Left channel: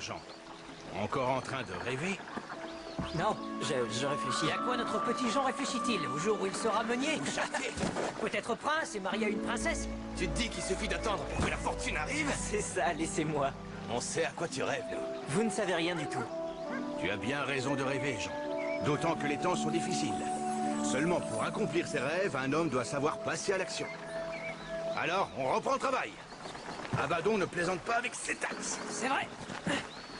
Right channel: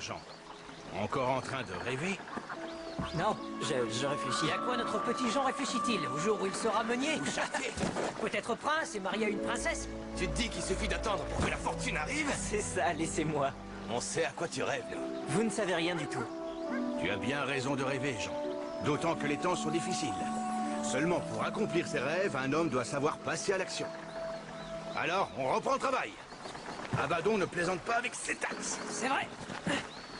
Jean? Encore en train de rêver? Non, je réfléchis. Et à quoi notre petit Jean réfléchit-il? Au jour où il sera meunier? Ou châtié? Peut-être prince et marié à une princesse? Tu te dis qu'il suffit d'attendre pour que la fortune arrive? C'est ça, laissez-moi. On sait à quoi tu rêves, là. Vous ne savez rien du tout. Tu as bien raison de rêver, Jean. D'autant que les temps sont difficiles. Seulement pour accomplir ses rêves, un homme doit savoir passer à l'action. Alors, on reprend le travail. Abaddon ne plaisante pas avec ses taxes. C'est vrai.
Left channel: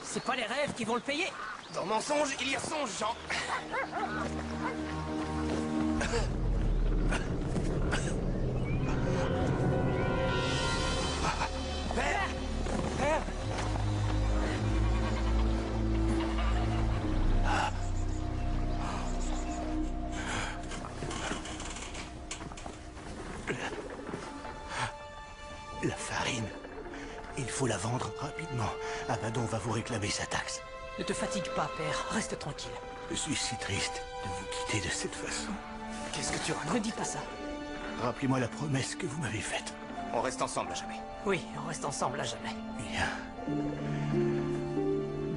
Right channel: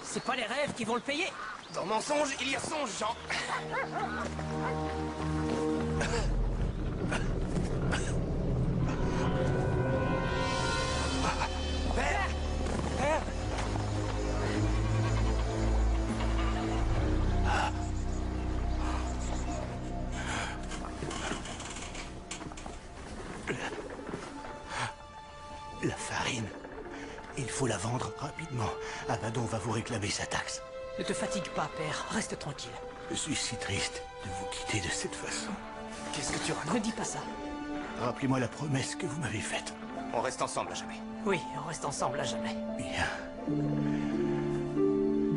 C'est pas les rêves qui vont le payer. Dans mensonge, il y a songe, Jean. Père! Père! La farine. Il faut la vendre rapidement. Abaddon va vous réclamer sa taxe. Ne te fatigue pas, père. Reste tranquille. Je suis si triste de vous quitter de cette façon. Qu'est-ce que tu racontes? Ne dis pas ça. Rappelez-moi la promesse que vous m'avez faite. On reste ensemble à jamais. Oui, on reste ensemble à jamais. Bien.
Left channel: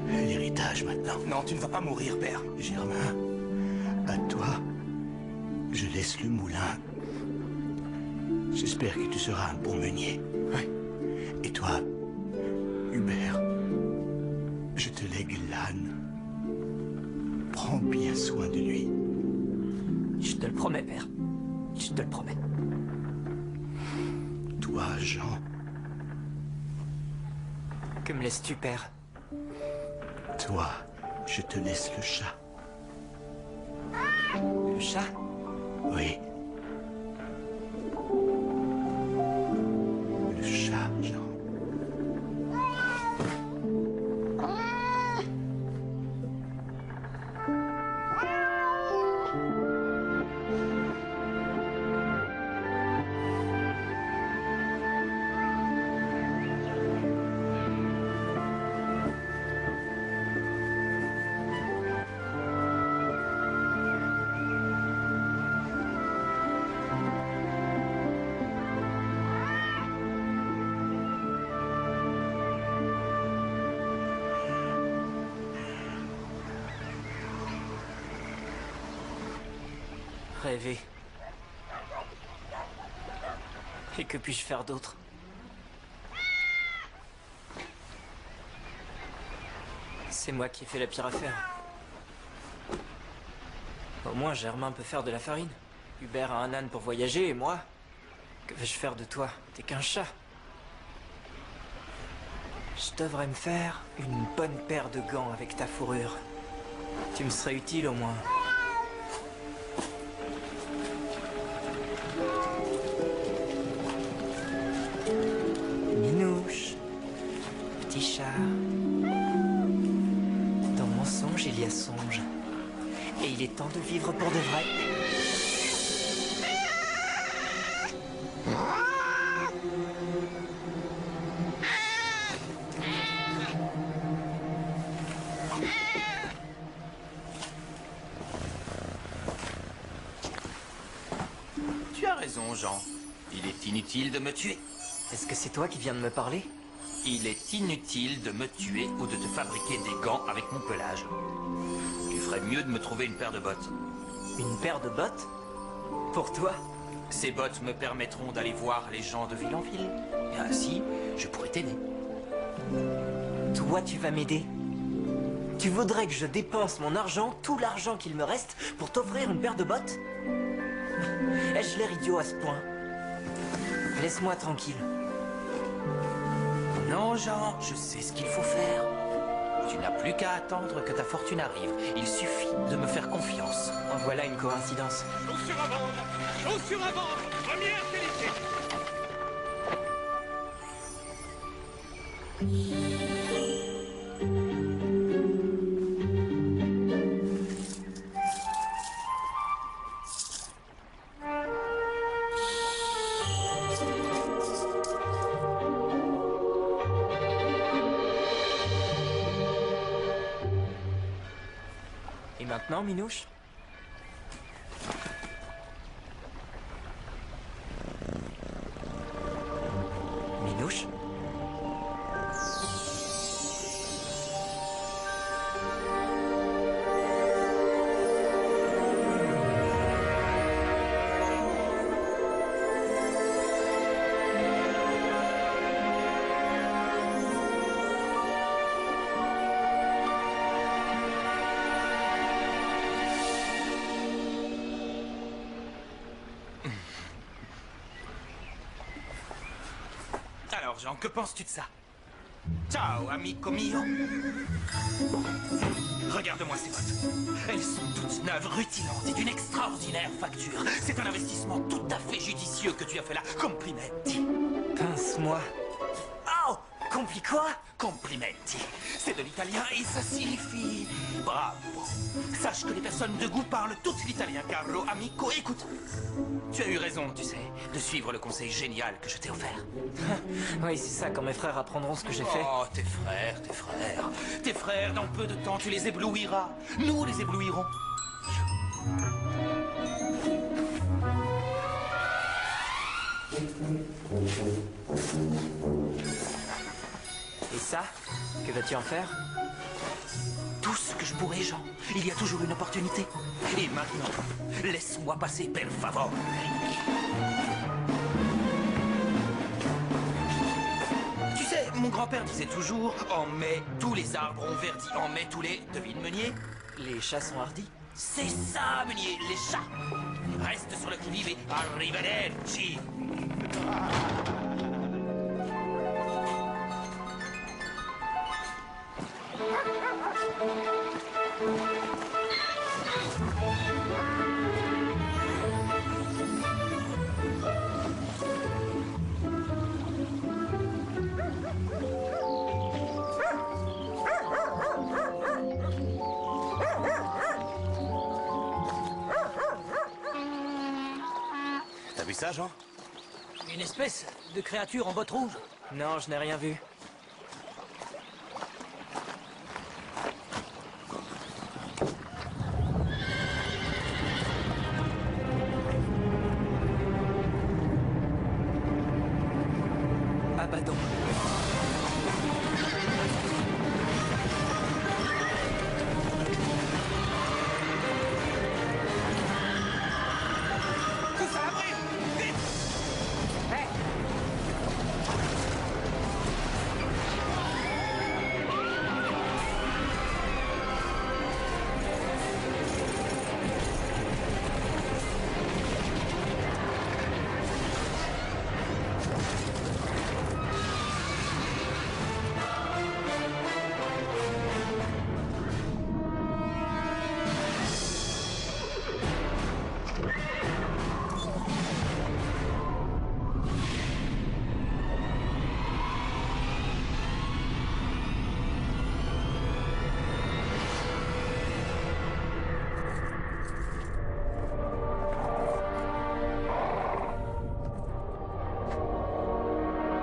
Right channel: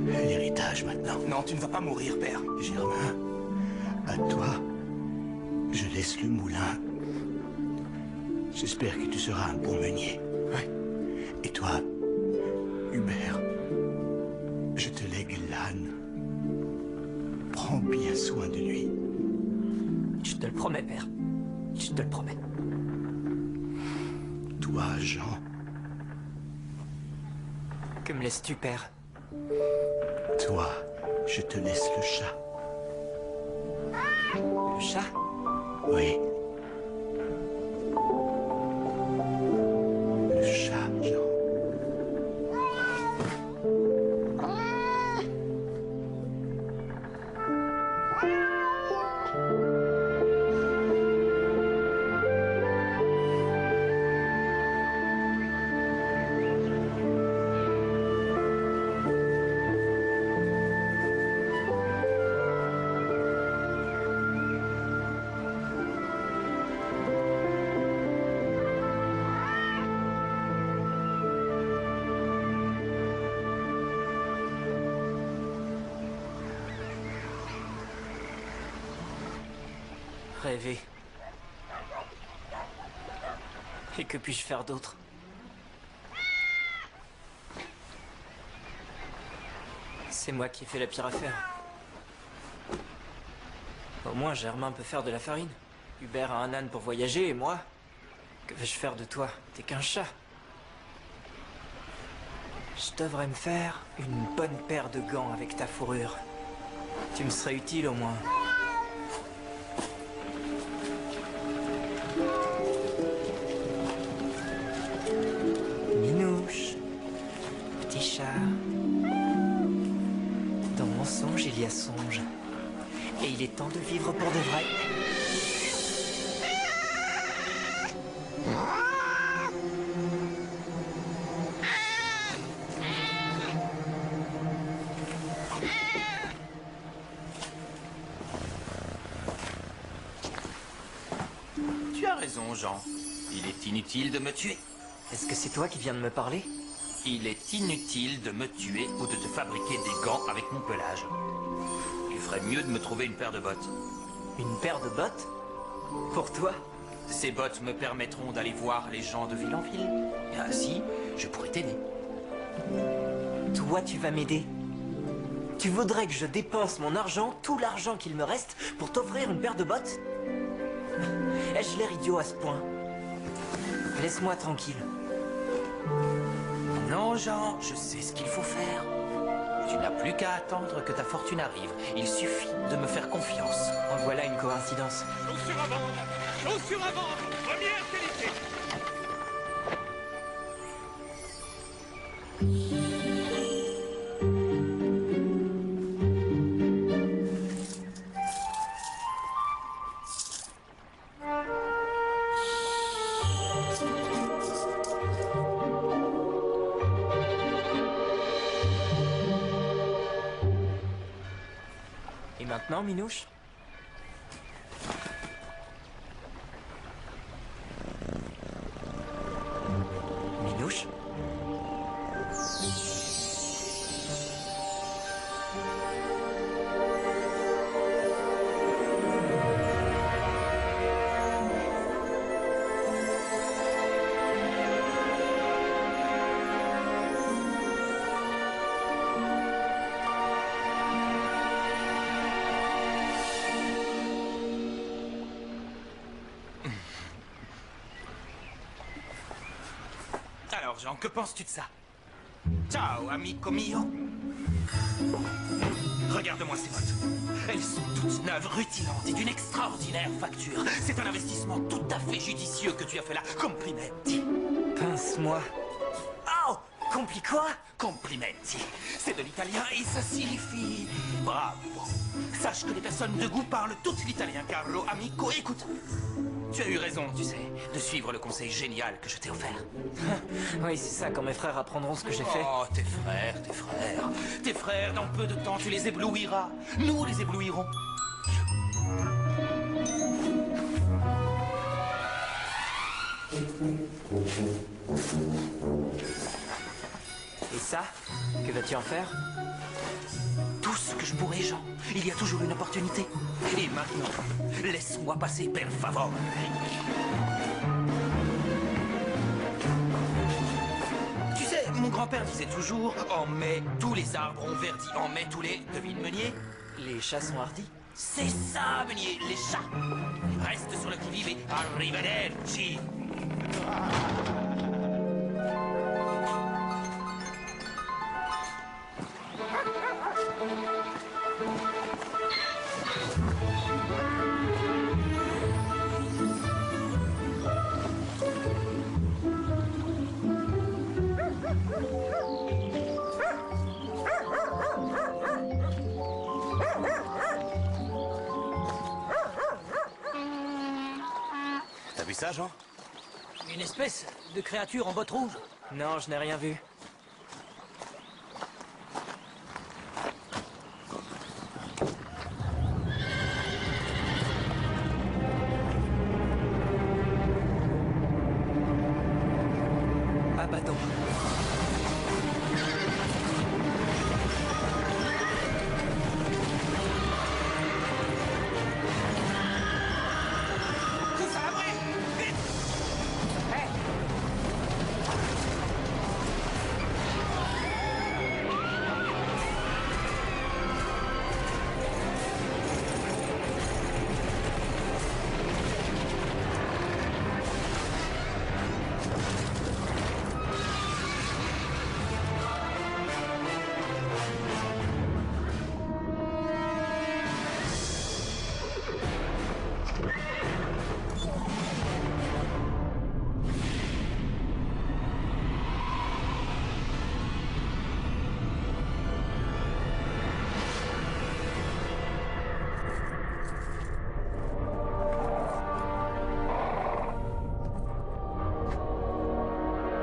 L'héritage maintenant. Non, tu ne vas pas mourir, père. Germain, à toi, je laisse le moulin. J'espère que tu seras un bon meunier. Oui. Et toi, Hubert, je te lègue l'âne. Prends bien soin de lui. Je te le promets, père. Je te le promets. Toi, Jean, Que me laisses-tu, père? toi, je te laisse le chat. Le chat? Oui. Le chat, Jean. Rêver. Et que puis-je faire d'autre? C'est moi qui ai fait la pire affaire. Au moins, Germain peut faire de la farine. Hubert a un âne pour voyager, et moi? Que vais-je faire de toi? T'es qu'un chat. Je devrais me faire une bonne paire de gants avec ta fourrure. Tu me serais utile au moins. Minouche, petit chat. Dans mon songe, il y a songe. Et il est temps de vivre pour de vrai. Tu as raison, Jean. Il est inutile de me tuer. Est-ce que c'est toi qui viens de me parler? Il est inutile de me tuer ou de te fabriquer des gants avec mon pelage. Tu ferais mieux de me trouver une paire de bottes. Une paire de bottes? Pour toi? Ces bottes me permettront d'aller voir les gens de ville en ville. Et ainsi, je pourrais t'aider. Toi, tu vas m'aider? Tu voudrais que je dépense mon argent, tout l'argent qu'il me reste, pour t'offrir une paire de bottes? Ai-je l'air idiot à ce point? Laisse-moi tranquille. Non, Jean, je sais ce qu'il faut faire. Tu n'as plus qu'à attendre que ta fortune arrive. Il suffit de me faire confiance. En voilà une coïncidence. Chaussures à vendre! Chaussures à vendre! Première qualité! Et maintenant, Minouche? Minouche? Jean, que penses-tu de ça? Ciao, amico mio. Regarde-moi ces bottes. Elles sont toutes neuves, rutilantes et d'une extraordinaire facture. C'est un investissement tout à fait judicieux que tu as fait là. Complimenti. Pince-moi. Oh! Compli quoi? Complimenti. C'est de l'italien et ça signifie bravo. Sache que les personnes de goût parlent toutes l'italien, caro amico. Écoute, tu as eu raison, tu sais, de suivre le conseil génial que je t'ai offert. Oui, c'est ça, quand mes frères apprendront ce que j'ai fait. Oh, tes frères, tes frères. Tes frères, dans peu de temps, tu les éblouiras. Nous les éblouirons. Et ça? Que vas-tu en faire? Tout ce que je pourrai, Jean. Il y a toujours une opportunité. Et maintenant, laisse-moi passer, per favore. Tu sais, mon grand-père disait toujours, en mai, tous les arbres ont verdi. En mai, tous les... Devine, Meunier? Les chats sont hardis? C'est ça, Meunier, les chats. Reste sur le qui-vive et arrivederci. T'as vu ça, Jean? Une espèce de créature en bottes rouges. Non, je n'ai rien vu. Abaddon. Tous à l'abri! Vite! Hey!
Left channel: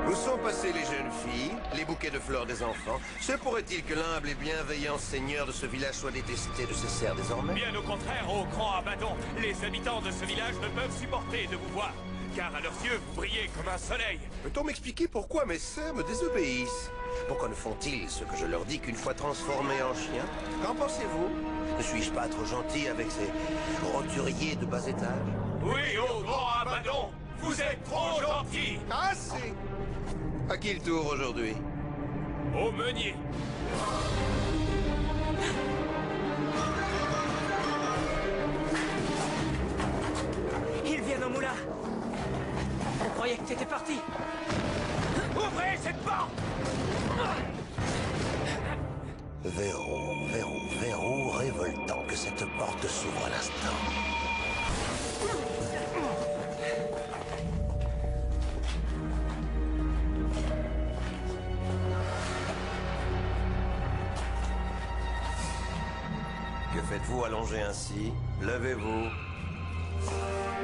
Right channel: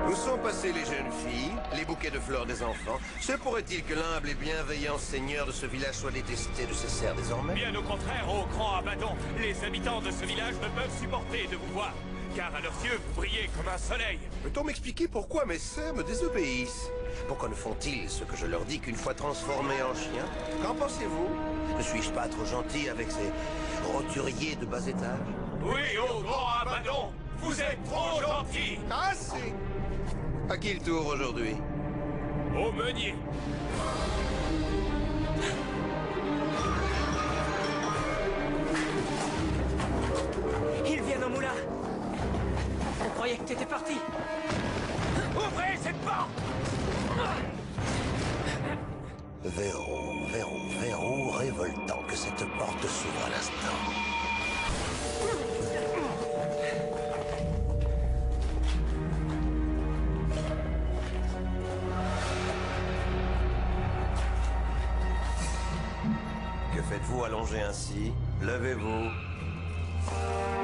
Où sont passées les jeunes filles, les bouquets de fleurs des enfants? Se pourrait-il que l'humble et bienveillant seigneur de ce village soit détesté de ses serfs désormais? Bien au contraire, ô grand Abaddon, les habitants de ce village ne peuvent supporter de vous voir. Car à leurs yeux, vous brillez comme un soleil. Peut-on m'expliquer pourquoi mes sœurs me désobéissent? Pourquoi ne font-ils ce que je leur dis qu'une fois transformés en chiens? Qu'en pensez-vous? Ne suis-je pas trop gentil avec ces roturiers de bas étage? Oui, ô grand Abaddon, vous êtes trop gentil. Assez! À qui le tour aujourd'hui? Au meunier. Ils viennent au moulin. On croyait que t'étais parti. Ouvrez cette porte! Verrou révoltant que cette porte s'ouvre à l'instant. Que faites-vous allongé ainsi? Levez-vous.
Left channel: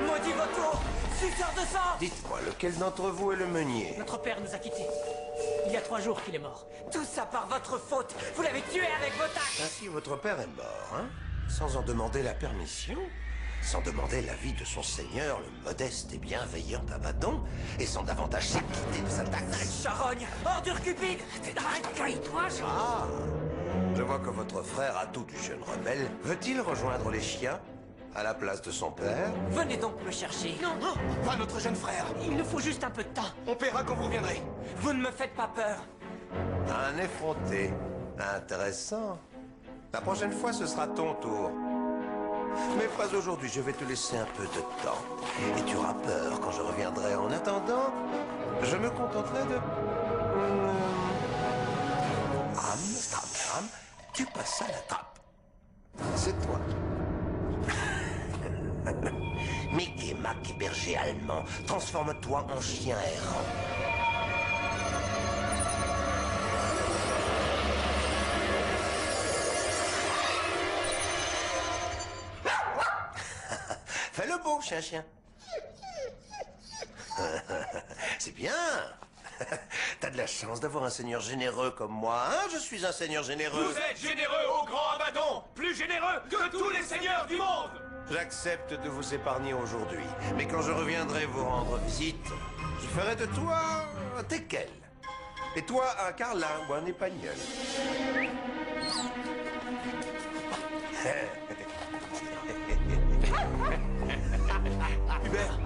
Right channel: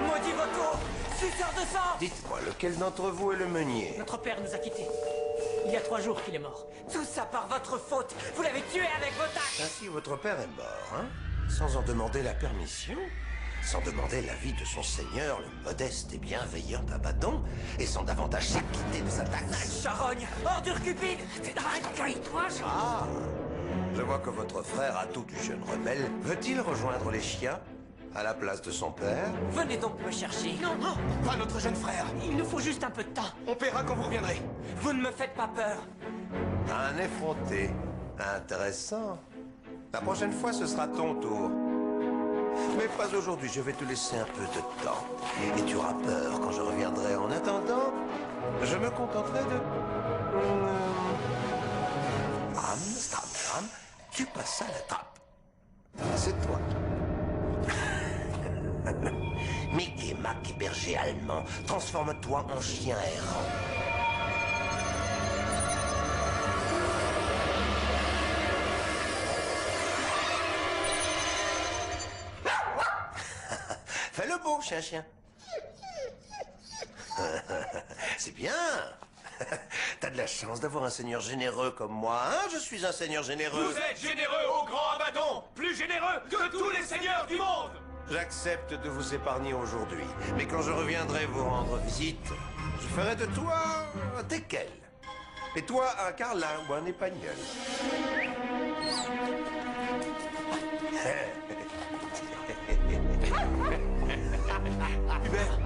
Maudit vautour! Suceur de sang! Dites-moi, lequel d'entre vous est le meunier? Notre père nous a quittés. Il y a 3 jours qu'il est mort. Tout ça par votre faute! Vous l'avez tué avec vos tacles! Ainsi, votre père est mort, hein? Sans en demander la permission? Sans demander l'avis de son seigneur, le modeste et bienveillant Abaddon? Et sans davantage s'acquitter de sa taxe? Charogne! Ordure cupide! Ah! Je vois que votre frère, à tout du jeune rebelle, veut-il rejoindre les chiens? À la place de son père? Venez donc me chercher. Non, non! Pas notre jeune frère! Il nous faut juste un peu de temps. On paiera quand vous reviendrez! Vous ne me faites pas peur. Un effronté. Intéressant. La prochaine fois, ce sera ton tour. Mais pas aujourd'hui, je vais te laisser un peu de temps. Et tu auras peur quand je reviendrai. En attendant, je me contenterai de Amsterdam, tu passes à la trappe. C'est toi. Mickey Mac, berger allemand, transforme-toi en chien errant. Fais le beau, chien. C'est bien. T'as de la chance d'avoir un seigneur généreux comme moi, hein? Je suis un seigneur généreux. Vous êtes généreux au grand Abaddon, plus généreux que tous les seigneurs du monde. J'accepte de vous épargner aujourd'hui, mais quand je reviendrai vous rendre visite, je ferai de toi un teckel. Et toi, un carlin ou un épagnol. Hubert.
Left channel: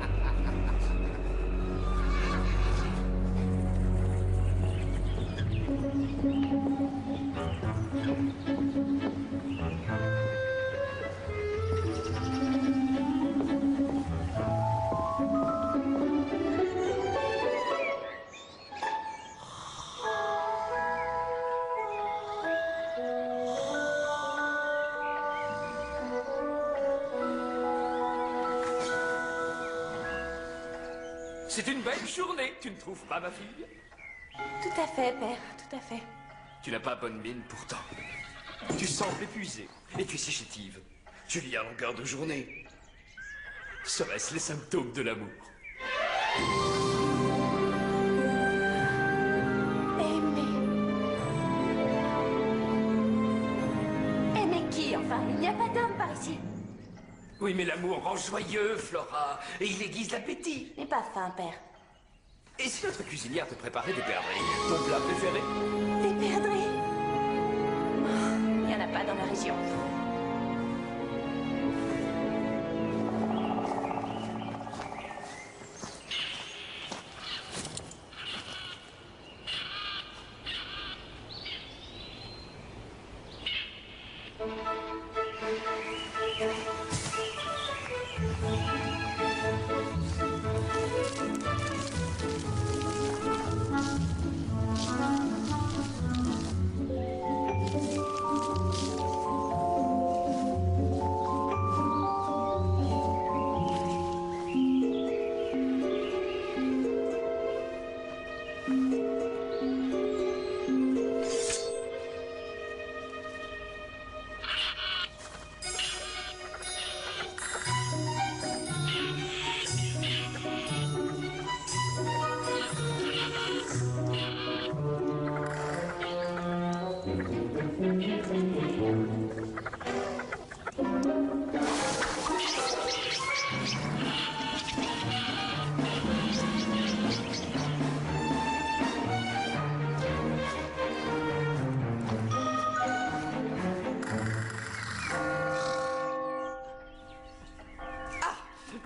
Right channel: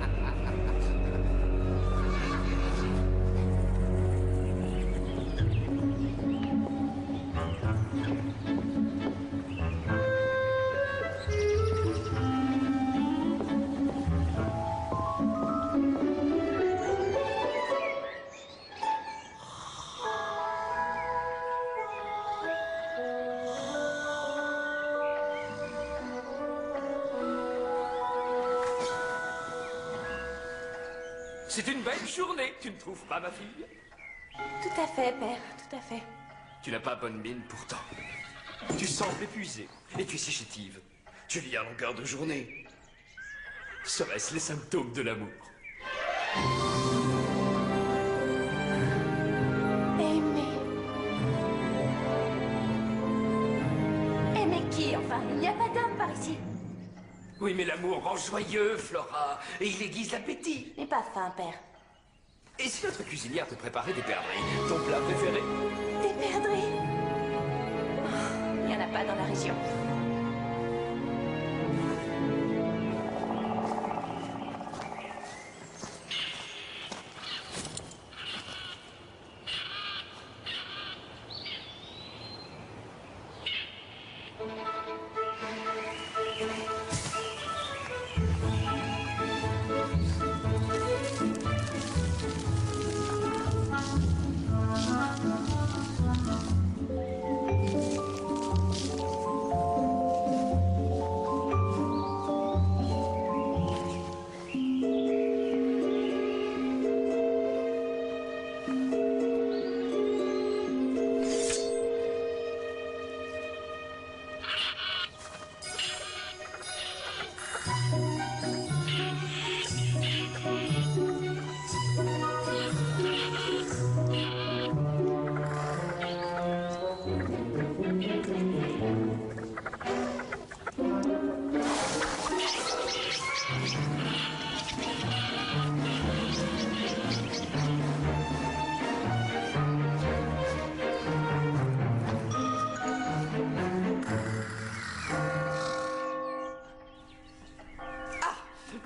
C'est une belle journée, tu ne trouves pas, ma fille? Tout à fait, père, tout à fait. Tu n'as pas bonne mine pourtant. Tu sembles épuisé et tu es si chétive. Tu lis à longueur de journée. Seraient-ce les symptômes de l'amour? Aimer. Aimer qui, enfin? Il n'y a pas d'homme par ici. Oui, mais l'amour rend joyeux, Flora, et il aiguise l'appétit. Je n'ai pas faim, père. Et si notre cuisinière te préparait des perdrix, ton plat préféré? Des perdrix? Oh, il n'y en a pas dans la région.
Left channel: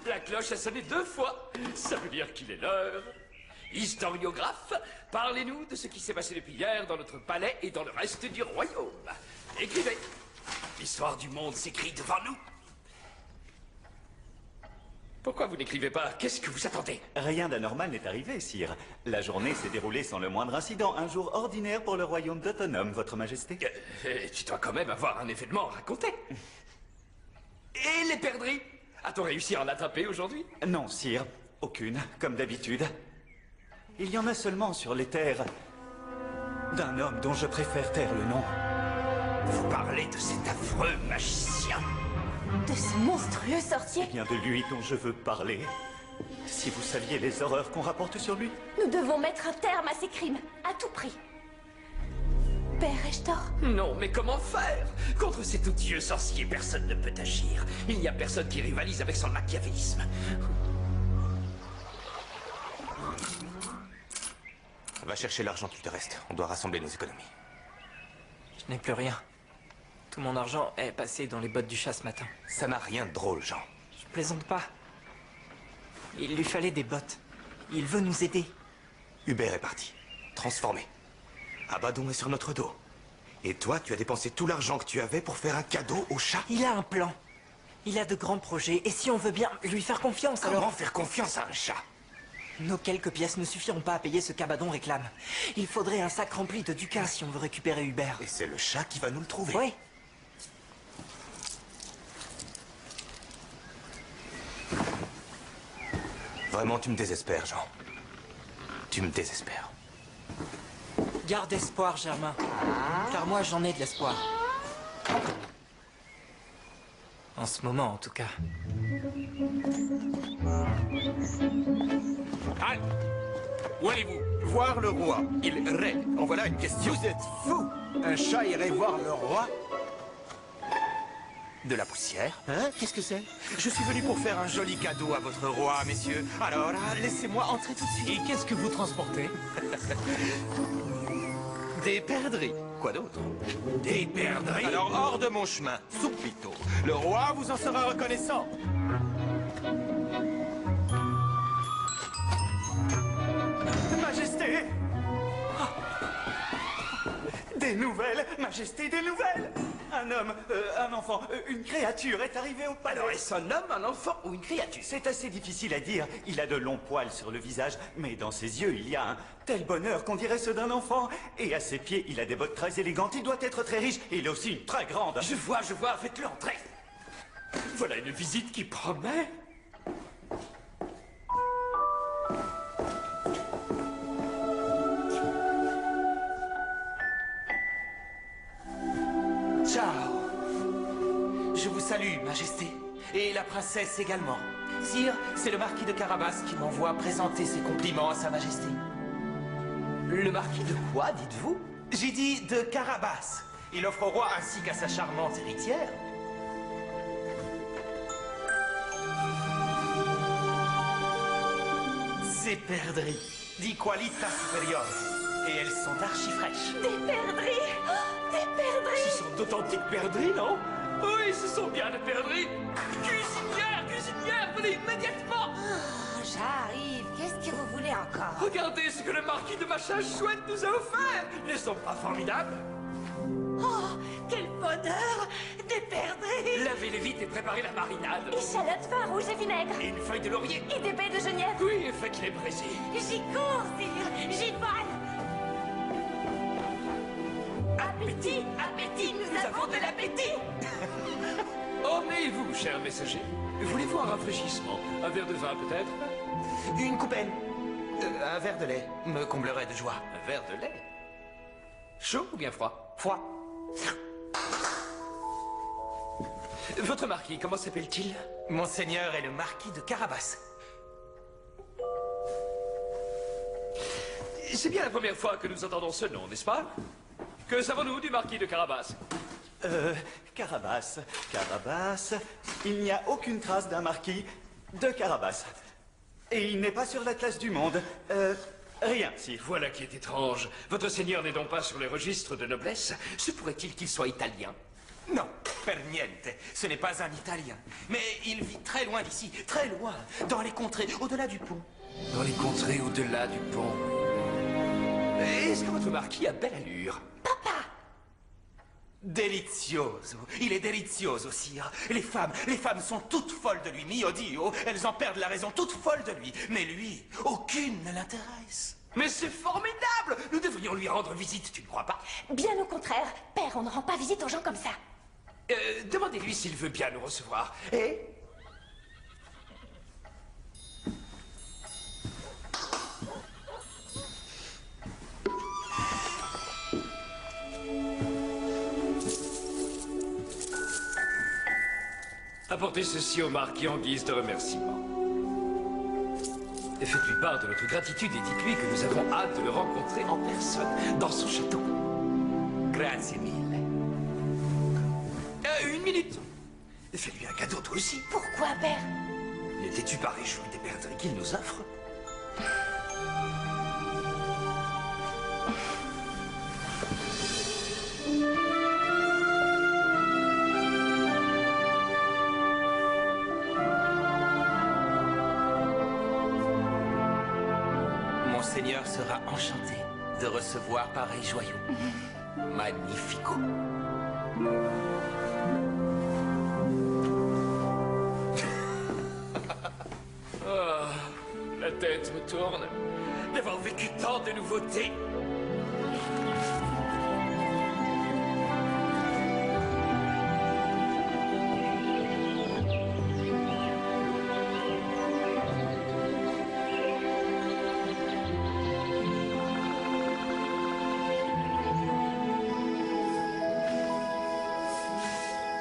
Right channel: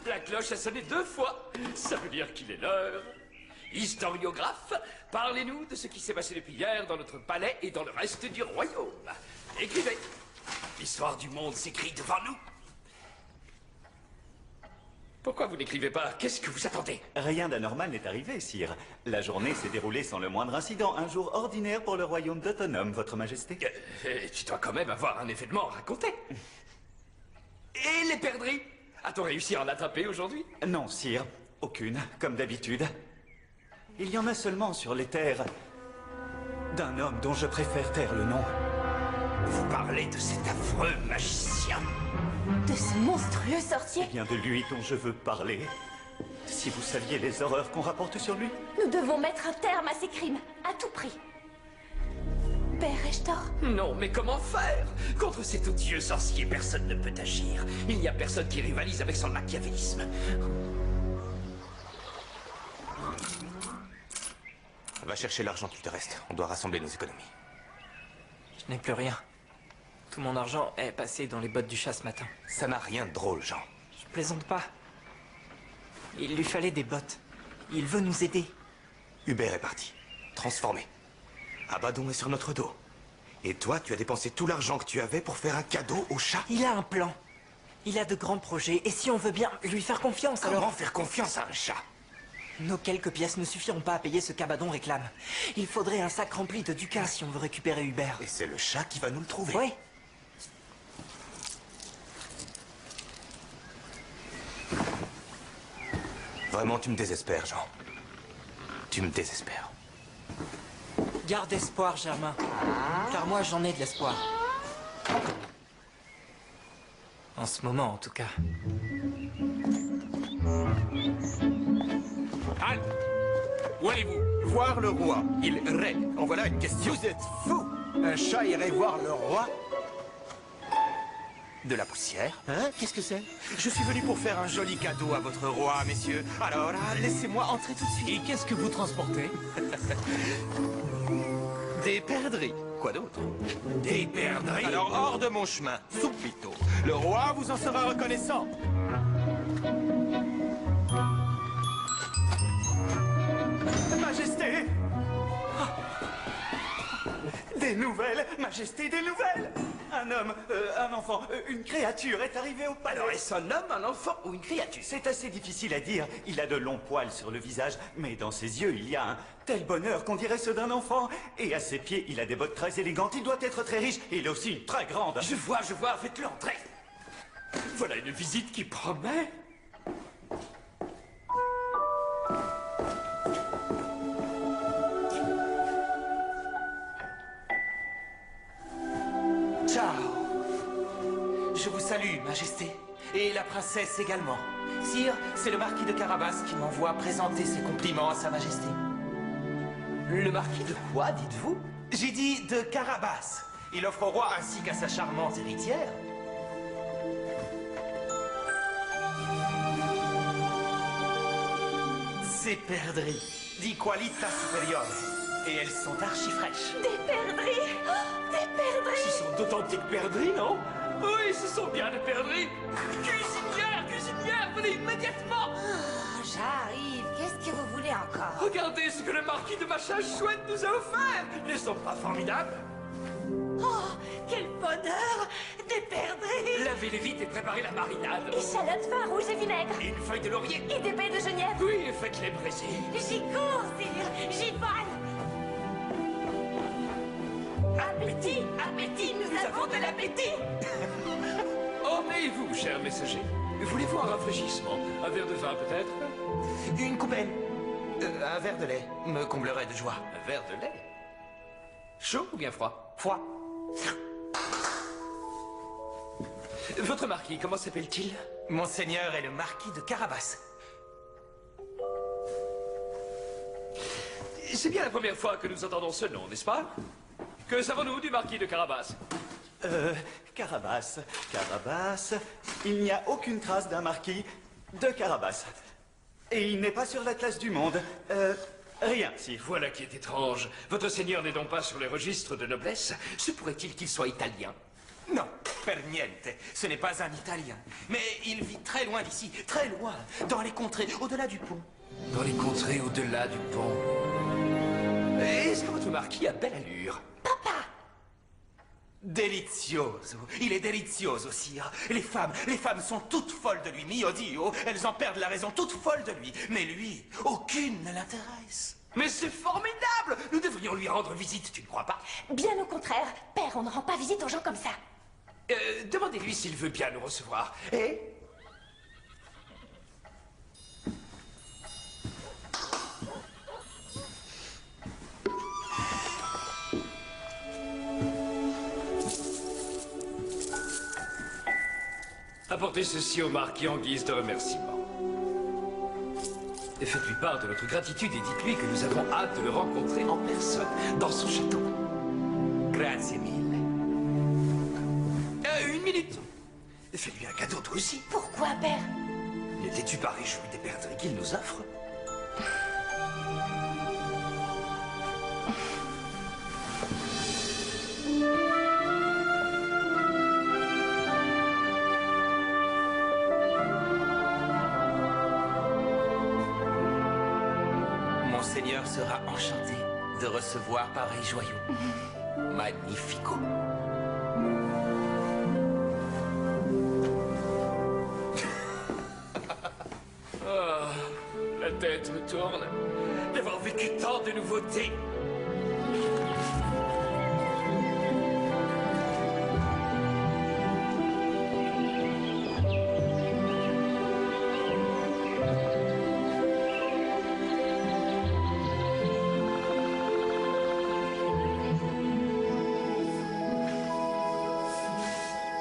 La cloche a sonné 2 fois. Ça veut dire qu'il est l'heure. Historiographe, parlez-nous de ce qui s'est passé depuis hier dans notre palais et dans le reste du royaume. Écrivez. L'histoire du monde s'écrit devant nous. Pourquoi vous n'écrivez pas? Qu'est-ce que vous attendez? Rien d'anormal n'est arrivé, sire. La journée s'est déroulée sans le moindre incident. Un jour ordinaire pour le royaume d'Autonome, votre majesté. Tu dois quand même avoir un événement à raconter. Et les perdrix? A-t-on réussi à en attraper aujourd'hui? Non, sire. Aucune, comme d'habitude. Il y en a seulement sur les terres d'un homme dont je préfère taire le nom. Vous parlez de cet affreux magicien? De ce monstrueux sorcier? C'est bien de lui dont je veux parler. Si vous saviez les horreurs qu'on rapporte sur lui. Nous devons mettre un terme à ces crimes, à tout prix. Père, ai-je tort? Non, mais comment faire? Contre cet odieux sorcier, personne ne peut agir. Il n'y a personne qui rivalise avec son machiavélisme. Va chercher l'argent qu'il te reste. On doit rassembler nos économies. Je n'ai plus rien. Tout mon argent est passé dans les bottes du chat ce matin. Ça n'a rien de drôle, Jean. Je plaisante pas. Il lui fallait des bottes. Il veut nous aider. Hubert est parti. Transformé. Abaddon est sur notre dos. Et toi, tu as dépensé tout l'argent que tu avais pour faire un cadeau au chat? Il a un plan. Il a de grands projets. Et si on veut bien lui faire confiance, Comment alors... faire confiance à un chat? Nos quelques pièces ne suffiront pas à payer ce qu'Abaddon réclame. Il faudrait un sac rempli de ducats si on veut récupérer Hubert. Et c'est le chat qui va nous le trouver. Oui. Vraiment, tu me désespères, Jean. Tu me désespères. Garde espoir, Germain. Car moi, j'en ai de l'espoir. En ce moment, en tout cas. Halte! Où allez-vous? Voir le roi. Il règne. En voilà une question. Vous êtes fou! Un chat irait voir le roi? De la poussière? Hein? Qu'est-ce que c'est? Je suis venu pour faire un joli cadeau à votre roi, messieurs. Alors, laissez-moi entrer tout de suite. Et qu'est-ce que vous transportez? Des perdrix. Quoi d'autre? Des perdrix? Alors, hors de mon chemin, subito. Le roi vous en sera reconnaissant. Majesté! Des nouvelles, Majesté, des nouvelles! Un homme, un enfant, une créature est arrivé au palais. Alors, est-ce un homme, un enfant ou une créature? C'est assez difficile à dire. Il a de longs poils sur le visage, mais dans ses yeux, il y a un tel bonheur qu'on dirait ceux d'un enfant. Et à ses pieds, il a des bottes très élégantes. Il doit être très riche. Et il a aussi une très grande. Je vois, faites-le entrer. Voilà une visite qui promet. Ciao. Je vous salue, Majesté. Et la princesse également. Sire, c'est le marquis de Carabas qui m'envoie présenter ses compliments à sa Majesté. Le marquis de quoi, dites-vous? J'ai dit de Carabas. Il offre au roi ainsi qu'à sa charmante héritière. Ces perdrix, di qualità superiore. Et elles sont archi fraîches. Des perdrix! Oh, des perdrix! Ce sont d'authentiques perdrix, non? Oui, ce sont bien des perdrix. Cuisinière, venez immédiatement. J'arrive. Qu'est-ce que vous voulez encore? Regardez ce que le marquis de Machin Chouette nous a offert. Ne sont pas formidables? Oh, quel bonheur! Des perdrix! Lavez-les vite et préparez la marinade. Échalotes, vin rouge et vinaigre. Et une feuille de laurier. Et des baies de genièvre. Oui, et faites-les braiser. J'y cours, sire. J'y vole. Appétit! Appétit! Nous avons de l'appétit! Ornez-vous, cher messager. Voulez-vous un rafraîchissement? Un verre de vin, peut-être? Une coupelle. Un verre de lait me comblerait de joie. Un verre de lait? Chaud ou bien froid? Froid. Votre marquis, comment s'appelle-t-il? Monseigneur est le marquis de Carabas. C'est bien la première fois que nous entendons ce nom, n'est-ce pas? Que savons-nous du marquis de Carabas? Carabas. Il n'y a aucune trace d'un marquis de Carabas. Et il n'est pas sur l'atlas du monde. Rien, si. Voilà qui est étrange. Votre seigneur n'est donc pas sur les registres de noblesse? Se pourrait-il qu'il soit italien? Non, per niente. Ce n'est pas un Italien. Mais il vit très loin d'ici, très loin, dans les contrées, au-delà du pont. Dans les contrées au-delà du pont. Est-ce que votre marquis a belle allure? Delizioso. Il est delizioso, sire. Les femmes sont toutes folles de lui, mio Dio. Elles en perdent la raison, toutes folles de lui. Mais lui, aucune ne l'intéresse. Mais c'est formidable! Nous devrions lui rendre visite, tu ne crois pas? Bien au contraire. Père, on ne rend pas visite aux gens comme ça. Demandez-lui s'il veut bien nous recevoir. Apportez ceci au marquis en guise de remerciement. Et faites-lui part de notre gratitude et dites-lui que nous avons hâte de le rencontrer en personne, dans son château. Grazie mille. Une minute. Fais-lui un cadeau, toi aussi. Pourquoi, père? N'étais-tu pas réjoui des perdrix qu'il nous offre? Monseigneur sera enchanté de recevoir pareil joyau. Magnifico. La tête me tourne d'avoir vécu tant de nouveautés.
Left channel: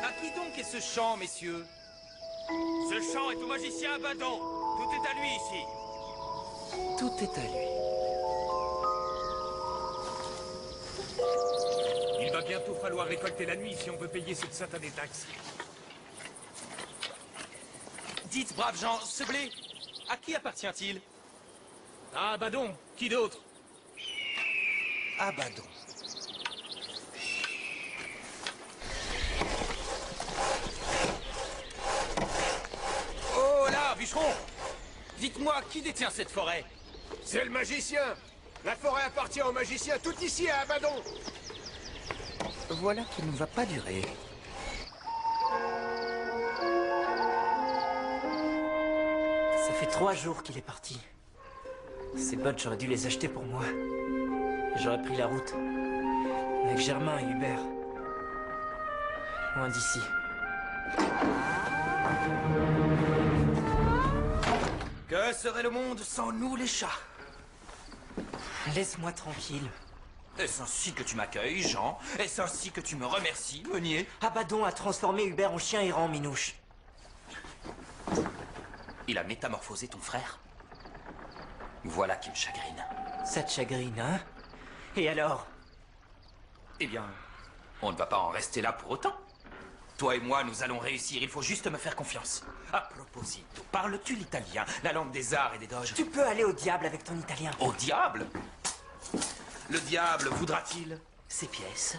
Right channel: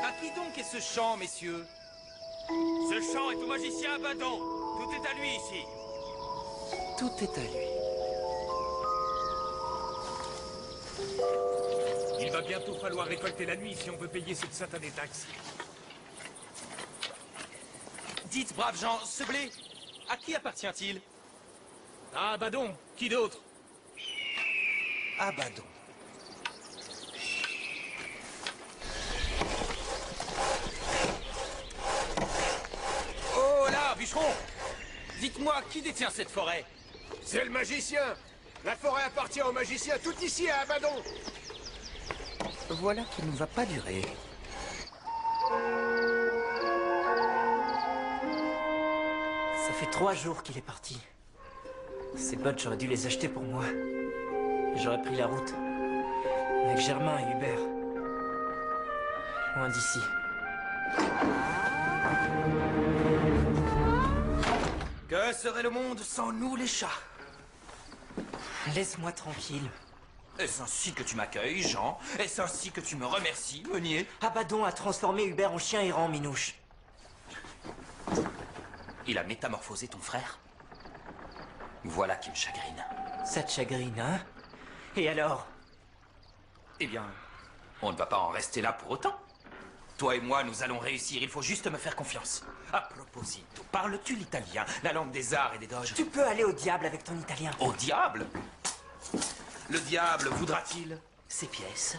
À qui donc est ce chant, messieurs? Ce chant est au magicien Abaddon. Tout est à lui ici. Tout est à lui. Il va bientôt falloir récolter la nuit si on veut payer cette satanée taxe. Dites, braves gens, ce blé, à qui appartient-il? Ah, Abaddon, qui d'autre? Abaddon. Oh là, bûcheron! Dites-moi, qui détient cette forêt? C'est le magicien. La forêt appartient au magicien, tout ici à Abaddon. Voilà qui ne va pas durer. Ça fait 3 jours qu'il est parti. Ces bottes, j'aurais dû les acheter pour moi. J'aurais pris la route. Avec Germain et Hubert. Loin d'ici. Que serait le monde sans nous, les chats? Laisse-moi tranquille. Est-ce ainsi que tu m'accueilles, Jean? Est-ce ainsi que tu me remercies, Meunier? Abaddon a transformé Hubert en chien errant, Minouche. Il a métamorphosé ton frère? Voilà qui me chagrine. Ça te chagrine, hein? Et alors? Eh bien, on ne va pas en rester là pour autant. Toi et moi, nous allons réussir. Il faut juste me faire confiance. À proposito, parles-tu l'italien, la langue des arts et des doges? Tu peux aller au diable avec ton italien. Au diable? Le diable voudra-t-il ces pièces?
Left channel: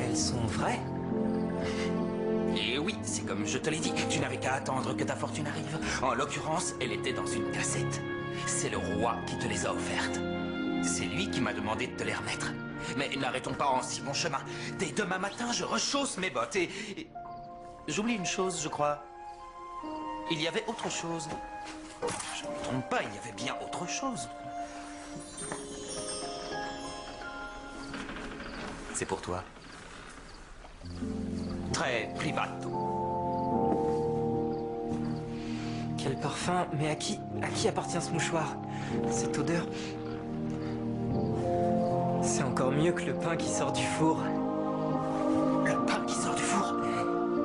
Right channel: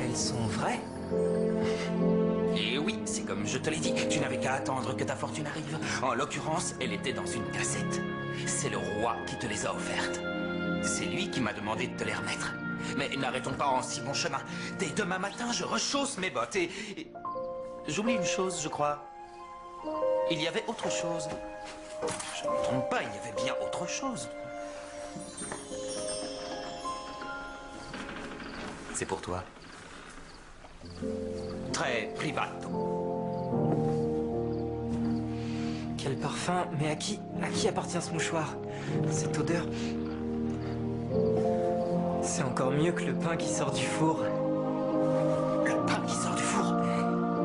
Elles sont vraies? Et oui, c'est comme je te l'ai dit, tu n'avais qu'à attendre que ta fortune arrive. En l'occurrence, elle était dans une cassette. C'est le roi qui te les a offertes. C'est lui qui m'a demandé de te les remettre. Mais n'arrêtons pas en si bon chemin. Dès demain matin, je rechausse mes bottes et... J'oublie une chose, je crois. Il y avait autre chose. Je ne me trompe pas, il y avait bien autre chose. C'est pour toi. Très privato. Quel parfum, mais à qui appartient ce mouchoir? Cette odeur. C'est encore mieux que le pain qui sort du four. Le pain qui sort du four?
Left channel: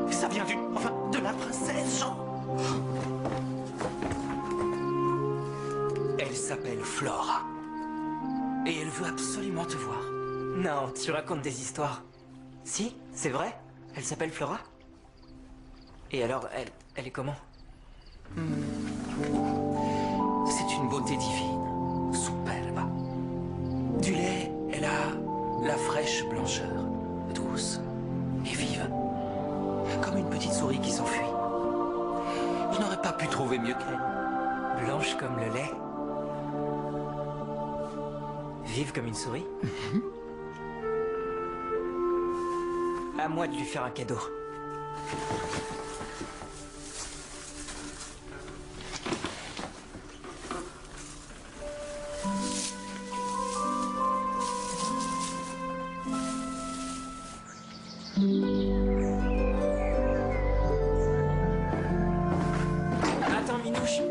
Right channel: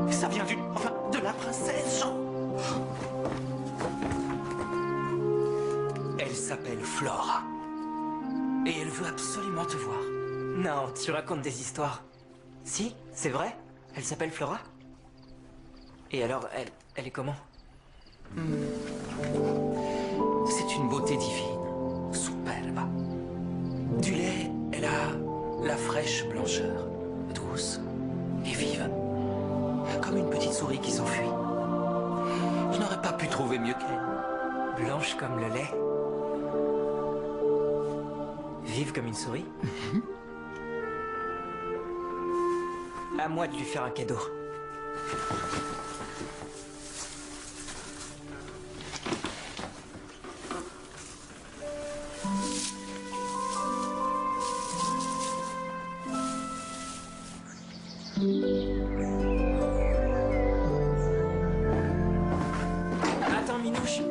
Ça vient de la princesse, Jean. Elle s'appelle Flora. Et elle veut absolument te voir. Non, tu racontes des histoires. Si, c'est vrai? Elle s'appelle Flora? Et alors, elle est comment? C'est une beauté divine, superbe. Du lait, elle a la fraîche blancheur, douce et vive. Comme une petite souris qui s'enfuit. Je n'aurais pas pu trouver mieux qu'elle. Blanche comme le lait? Vive comme une souris? À moi de lui faire un cadeau. Attends, Minouche.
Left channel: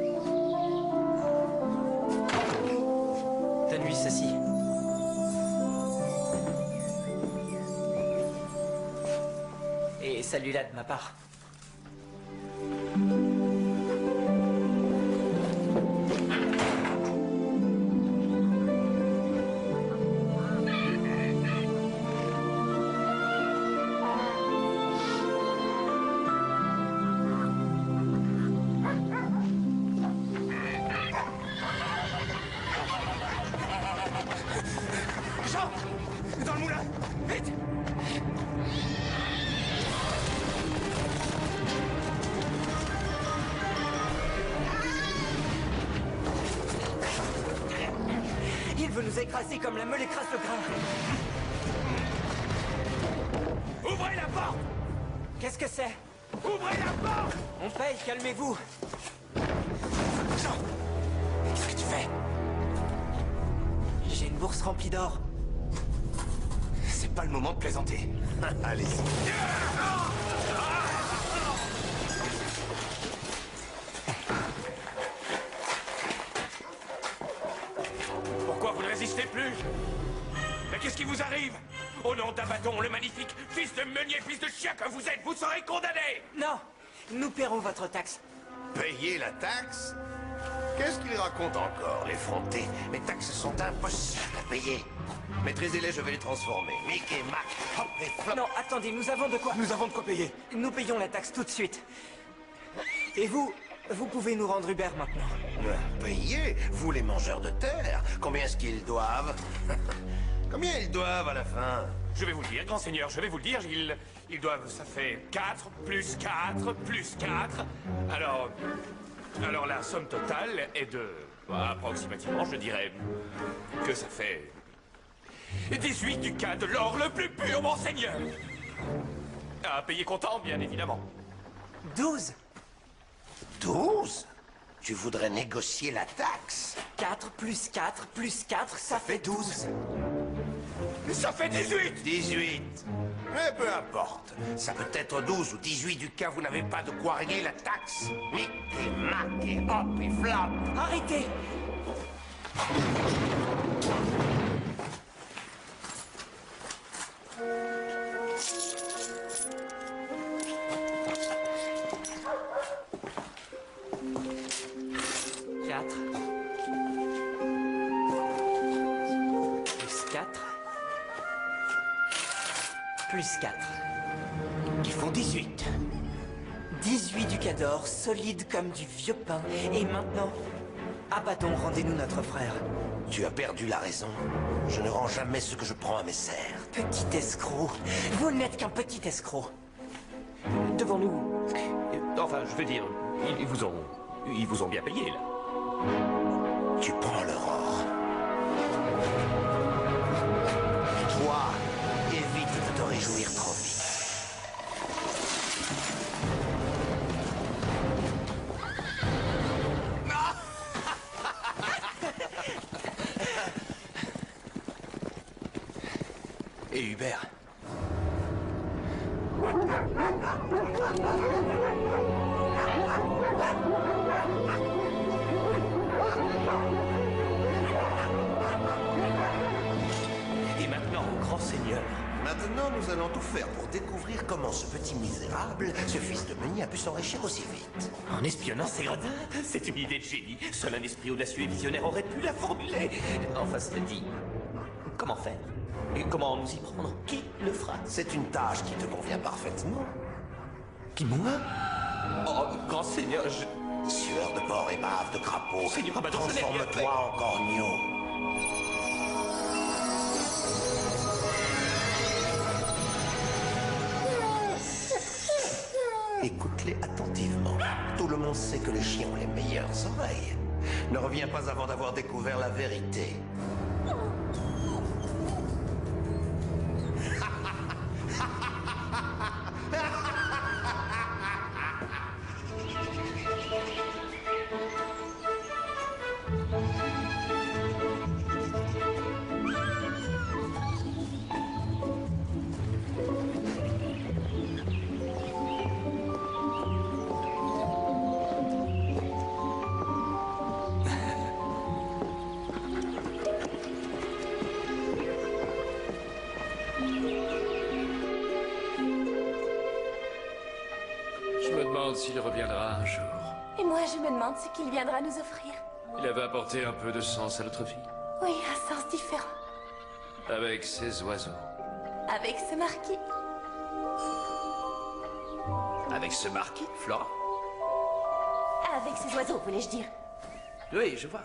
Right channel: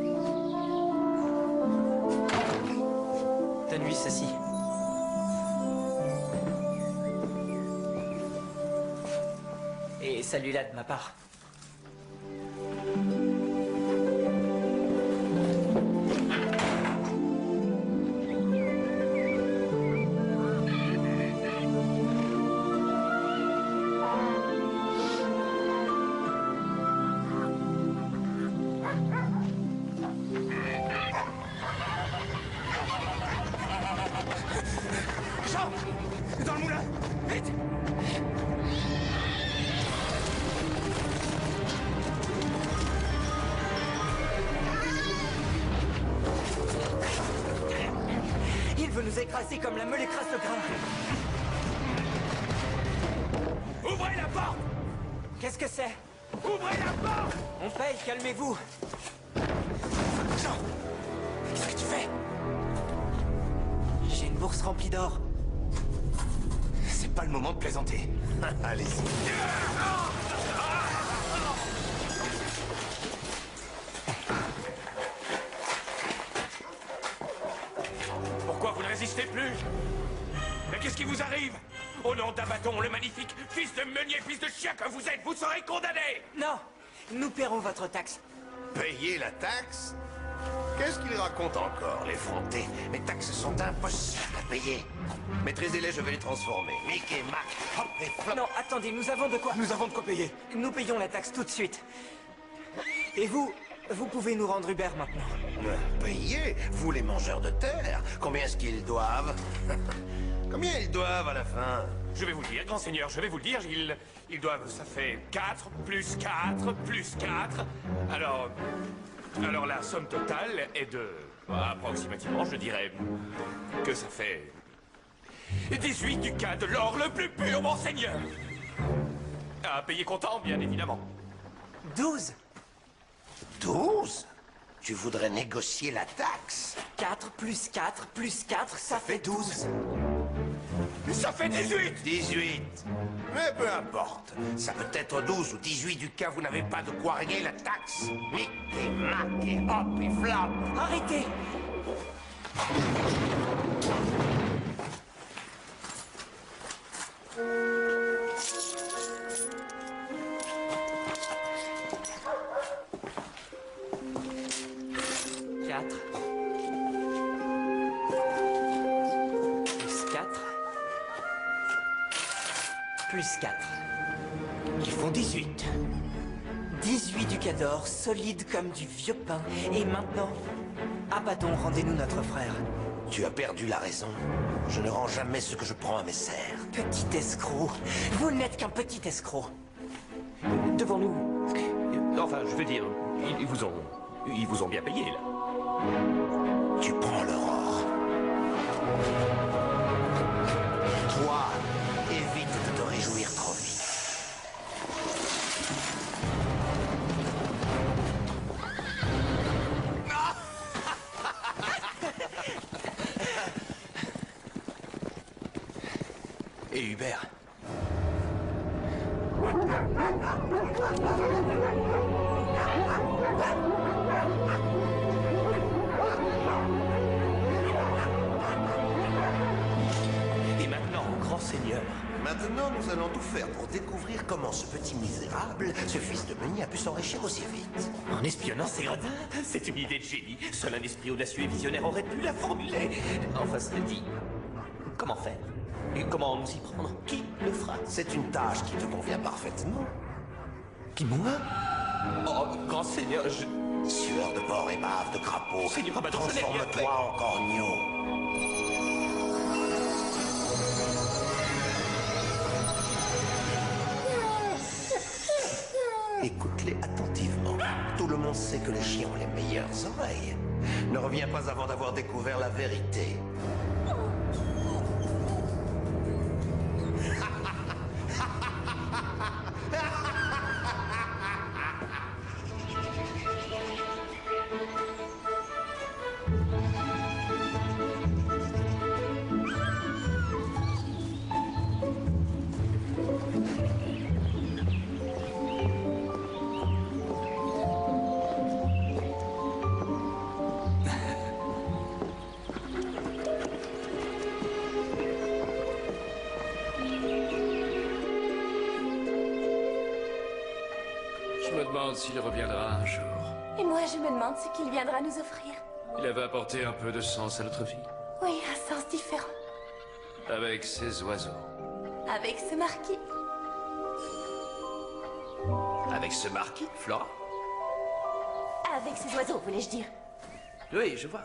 Donne-lui ceci. Et celui-là de ma part. Jean! Dans le moulin! Vite! veut nous écraser comme la meule écrase le grain. Ouvrez la porte! Qu'est-ce que c'est? Ouvrez la porte! On paye, calmez-vous. Jean! Qu'est-ce que tu fais? J'ai une bourse remplie d'or. C'est pas le moment de plaisanter. Allez-y. Pourquoi vous ne résistez plus? Mais qu'est-ce qui vous arrive? Au nom d'Abaddon, le magnifique, fils de meunier, fils de chien que vous êtes, vous serez condamné! Non, nous paierons votre taxe. Payer la taxe? Qu'est-ce qu'il raconte encore, l'effronté? Mes taxes sont impossibles à payer. Maîtrisez-les, je vais les transformer. Mickey, Mac, hop et flop. Non, attendez, nous avons de quoi... Nous avons de quoi payer. Nous payons la taxe tout de suite. Et vous pouvez nous rendre Hubert maintenant. Payer? Vous, les mangeurs de terre? Combien est-ce qu'ils doivent? Combien ils doivent à la fin? Je vais vous le dire, grand seigneur, je vais vous le dire, ils doivent, ça fait 4, plus 4, plus 4. Alors la somme totale est de, approximativement, je dirais, que ça fait 18 ducats de l'or le plus pur, mon seigneur. À payer comptant, bien évidemment. 12. 12? Tu voudrais négocier la taxe? 4 plus 4 plus 4, ça fait 12. Ça fait 18! 18. Mais peu importe. Ça peut être 12 ou 18 ducats, vous n'avez pas de quoi régler la taxe. Mickey, Mac et hop et flop. Arrêtez! Quatre. Plus 4. Plus 4. Ils font 18. 18 ducats d'or, solide comme du vieux pain. Et maintenant, Abaddon, rendez-nous notre frère. Tu as perdu la raison. Je ne rends jamais ce que je prends à mes serfs. Petit escroc. Vous n'êtes qu'un petit escroc. Devant nous. Enfin, je veux dire, ils vous ont bien payé, là. Tu prends leur or. Toi, évite de te réjouir trop vite. Et Hubert? Et maintenant, grand seigneur. Maintenant, nous allons tout faire pour découvrir comment ce petit misérable, ce fils de meunier, a pu s'enrichir aussi vite. En espionnant ces gradins, c'est une idée de génie. Seul un esprit audacieux et visionnaire aurait pu la formuler. Enfin, cela dit, comment faire? Et comment nous y prendre? Qui le fera? C'est une tâche qui te convient parfaitement. Qui, moi? Oh, grand seigneur, Sueur de porc et bave de crapaud, Seigneur Abaddon, je n'ai rien fait. transforme-toi en corneau. Écoute-les attentivement. Tout le monde sait que les chiens ont les meilleures oreilles. Ne reviens pas avant d'avoir découvert la vérité. je me demande s'il reviendra un jour. Et moi, je me demande ce qu'il viendra nous offrir. Il avait apporté un peu de sens à notre vie. Oui, un sens différent. Avec ses oiseaux. Avec ce marquis. Avec ce marquis, Flora? Avec ces oiseaux, voulais-je dire. Oui, je vois.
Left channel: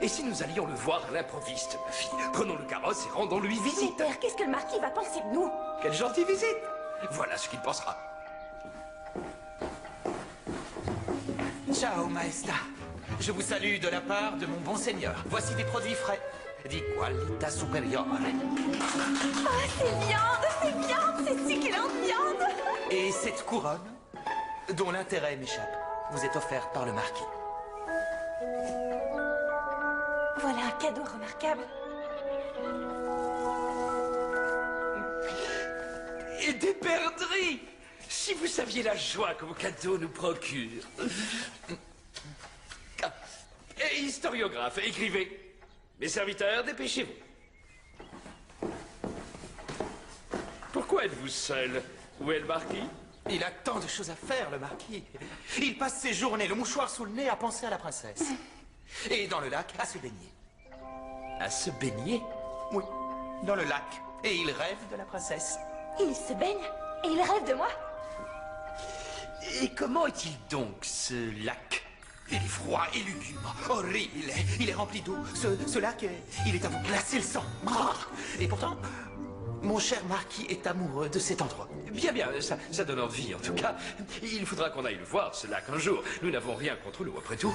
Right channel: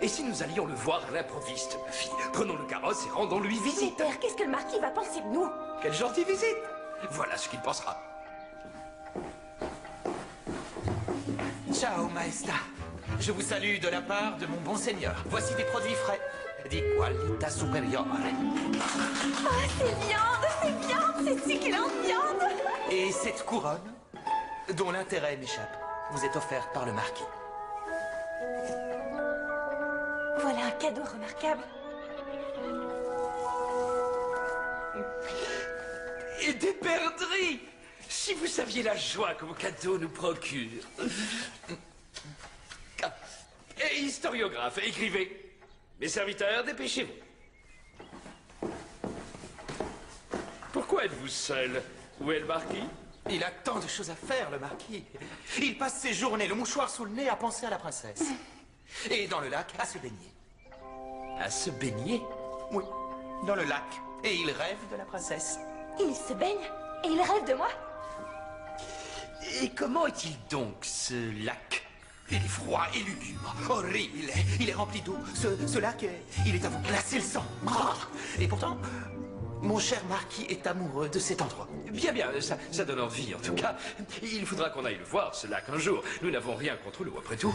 Et si nous allions le voir à l'improviste, ma fille? Prenons le carrosse et rendons-lui Mais visite. père, qu'est-ce que le marquis va penser de nous? Quelle gentille visite! Voilà ce qu'il pensera. Ciao, maesta. Je vous salue de la part de mon bon seigneur. Voici des produits frais. Di qualità superiore. Oh, c'est viande, c'est succulente viande. Et cette couronne, dont l'intérêt m'échappe, vous est offerte par le marquis. Voilà un cadeau remarquable. Et des perdrix! Si vous saviez la joie que vos cadeaux nous procurent. Ah. Et historiographe, écrivez. Mes serviteurs, dépêchez-vous. Pourquoi êtes-vous seul? Où est le marquis? Il a tant de choses à faire, le marquis. Il passe ses journées, le mouchoir sous le nez, à penser à la princesse. Et dans le lac, à se baigner. À se baigner? Oui, dans le lac. Et il rêve de la princesse. Il se baigne et il rêve de moi. Et comment est-il donc, ce lac? Il est froid et lugubre, horrible. Il est rempli d'eau. Ce lac, il est à vous glacer le sang. Et pourtant, mon cher marquis est amoureux de cet endroit. Bien, bien, ça donne envie, en tout cas. Il faudra qu'on aille le voir, ce lac, un jour. Nous n'avons rien contre l'eau, après tout.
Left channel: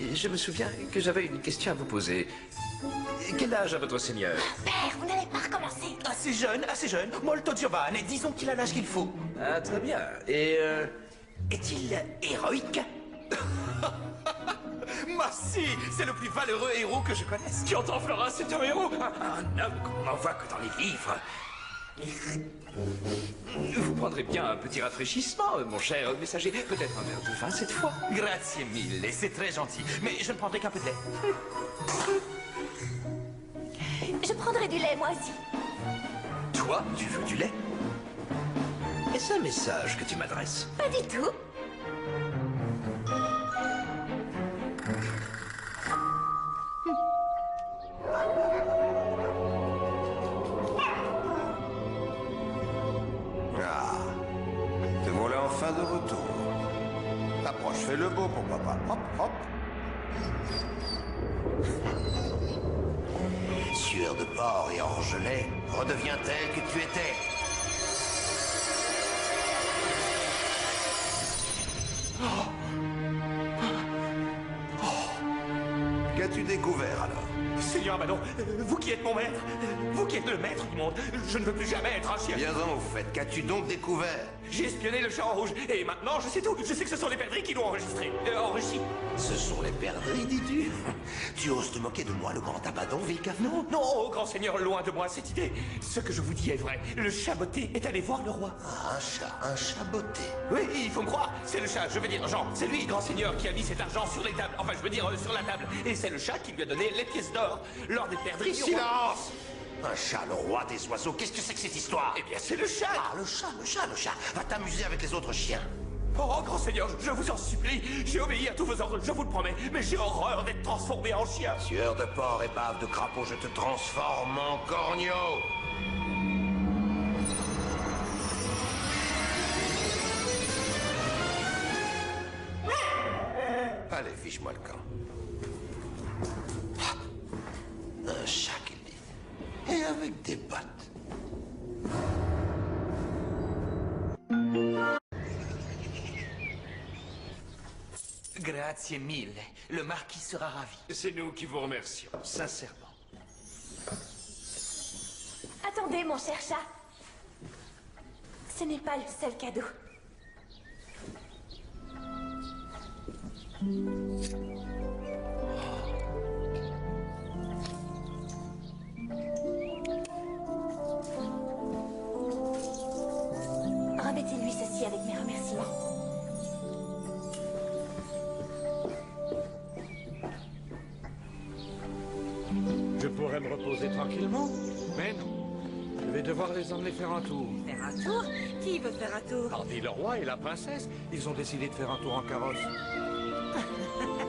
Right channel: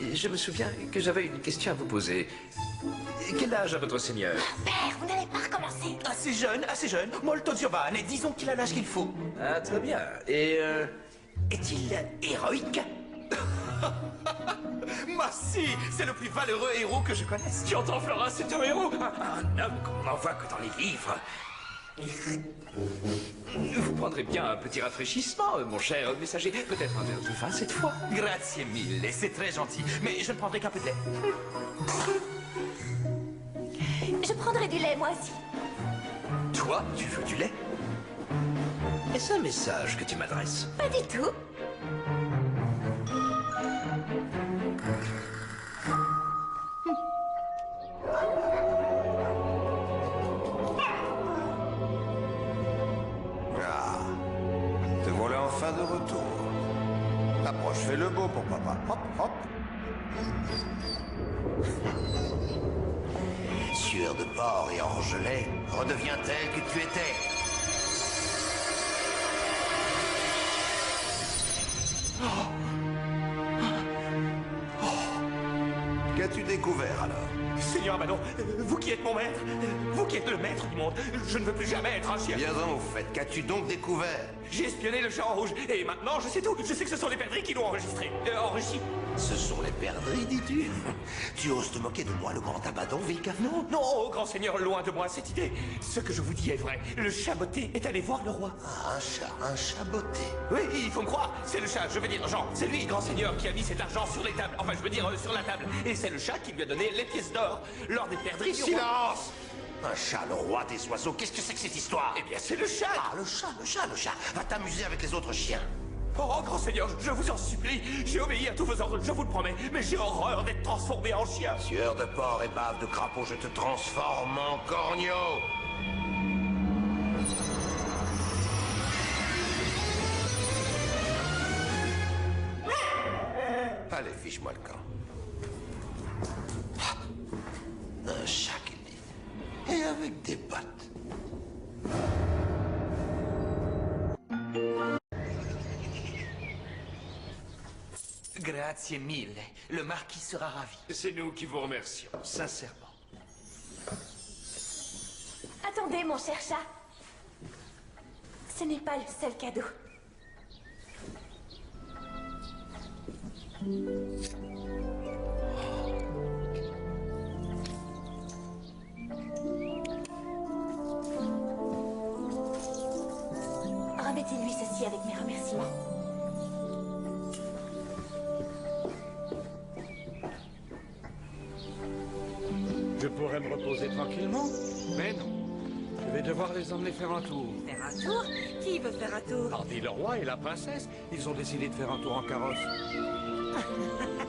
Et je me souviens que j'avais une question à vous poser. Quel âge a votre seigneur? Père, vous n'allez pas recommencer. Assez jeune, molto giovane. Disons qu'il a l'âge qu'il faut. Ah, très bien. Et, Est-il héroïque? Ma si, c'est le plus valeureux héros que je connaisse. tu entends, Flora, c'est un héros. Un homme comme on n'en voit que dans les livres. Vous prendrez bien un petit rafraîchissement, mon cher messager. Peut-être un verre de vin cette fois. Grazie mille, c'est très gentil. Mais je ne prendrai qu'un peu de lait. Je prendrai du lait, moi aussi. Toi, tu veux du lait? Est-ce un message que tu m'adresses? Pas du tout. Ah, te voilà enfin de retour. Approche, fais le beau pour papa. Hop, hop. Sueur de porc et orgelet, redeviens tel que tu étais. Qu'as-tu découvert alors? Seigneur Manon, vous qui êtes mon maître, vous qui êtes le maître du monde, je ne veux plus jamais être un chien. Bien donc, au fait, qu'as-tu donc découvert? J'ai espionné le chat en rouge, et maintenant je sais tout. Je sais que ce sont les perdrix qui l'ont enregistré. Enrichi. Ce sont les perdrix, dis-tu? Tu oses te moquer de moi, le grand Abaddon, Vilcaf? Non, non, oh, grand seigneur, loin de moi cette idée. Ce que je vous dis est vrai. Le chat botté est allé voir le roi. Ah, un chat botté. Oui, il faut me croire. C'est le chat, je veux dire, Jean. C'est lui, grand seigneur, qui a mis cet argent sur les tables. Enfin, je veux dire, sur la table. Et c'est le chat qui lui a donné les pièces d'or lors des perdrix. Silence! Un chat, le roi des oiseaux, qu'est-ce que c'est que cette histoire? Eh bien, c'est le chat. Ah, le chat. Va t'amuser avec les autres chiens. Oh, grand seigneur, je vous en supplie. J'ai obéi à tous vos ordres, je vous le promets. Mais j'ai horreur d'être transformé en chien. Sueur de porc et bave de crapaud, je te transforme en corneau. Allez, fiche-moi le camp. Un chat qu'il dit. Et avec des bottes. Grazie mille. Le marquis sera ravi. C'est nous qui vous remercions, sincèrement. Attendez, mon cher chat. Ce n'est pas le seul cadeau. Remettez-lui ceci avec mes remerciements. Je pourrais me reposer tranquillement, mais non. Je vais devoir les emmener faire un tour. Faire un tour? Qui veut faire un tour? Hardy le roi et la princesse, ils ont décidé de faire un tour en carrosse.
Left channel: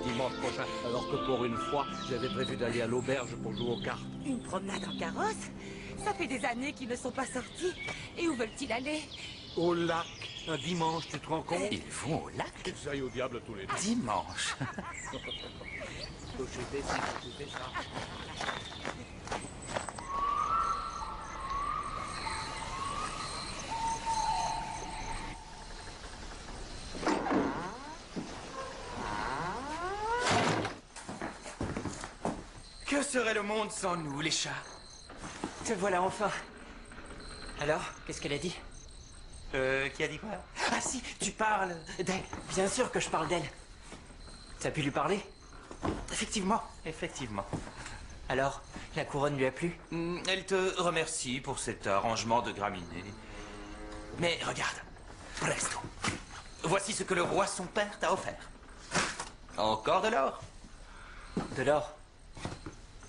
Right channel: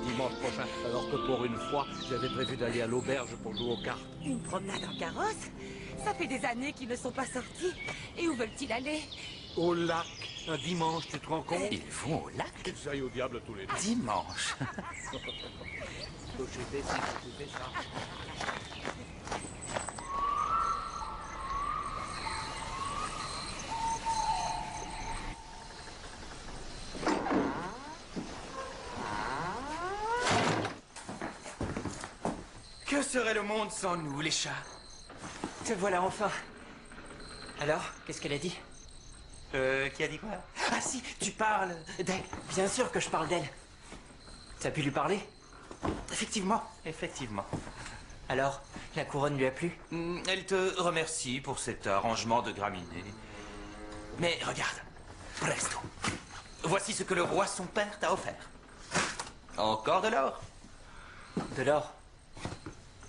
Dimanche prochain, alors que pour une fois, j'avais prévu d'aller à l'auberge pour jouer aux cartes. Une promenade en carrosse? Ça fait des années qu'ils ne sont pas sortis. Et où veulent-ils aller? Au lac, un dimanche, tu te rends compte? Ils vont au lac? Qu'ils aillent au diable tous les deux. Dimanche. J'ai fait ça. Que serait le monde sans nous, les chats? Te voilà enfin. Alors, qu'est-ce qu'elle a dit? Qui a dit quoi? Ah si, tu parles d'elle. Bien sûr que je parle d'elle. T'as pu lui parler? Effectivement, effectivement. Alors, la couronne lui a plu? Elle te remercie pour cet arrangement de graminées. Mais regarde, presto. Voici ce que le roi son père t'a offert. Encore de l'or. De l'or?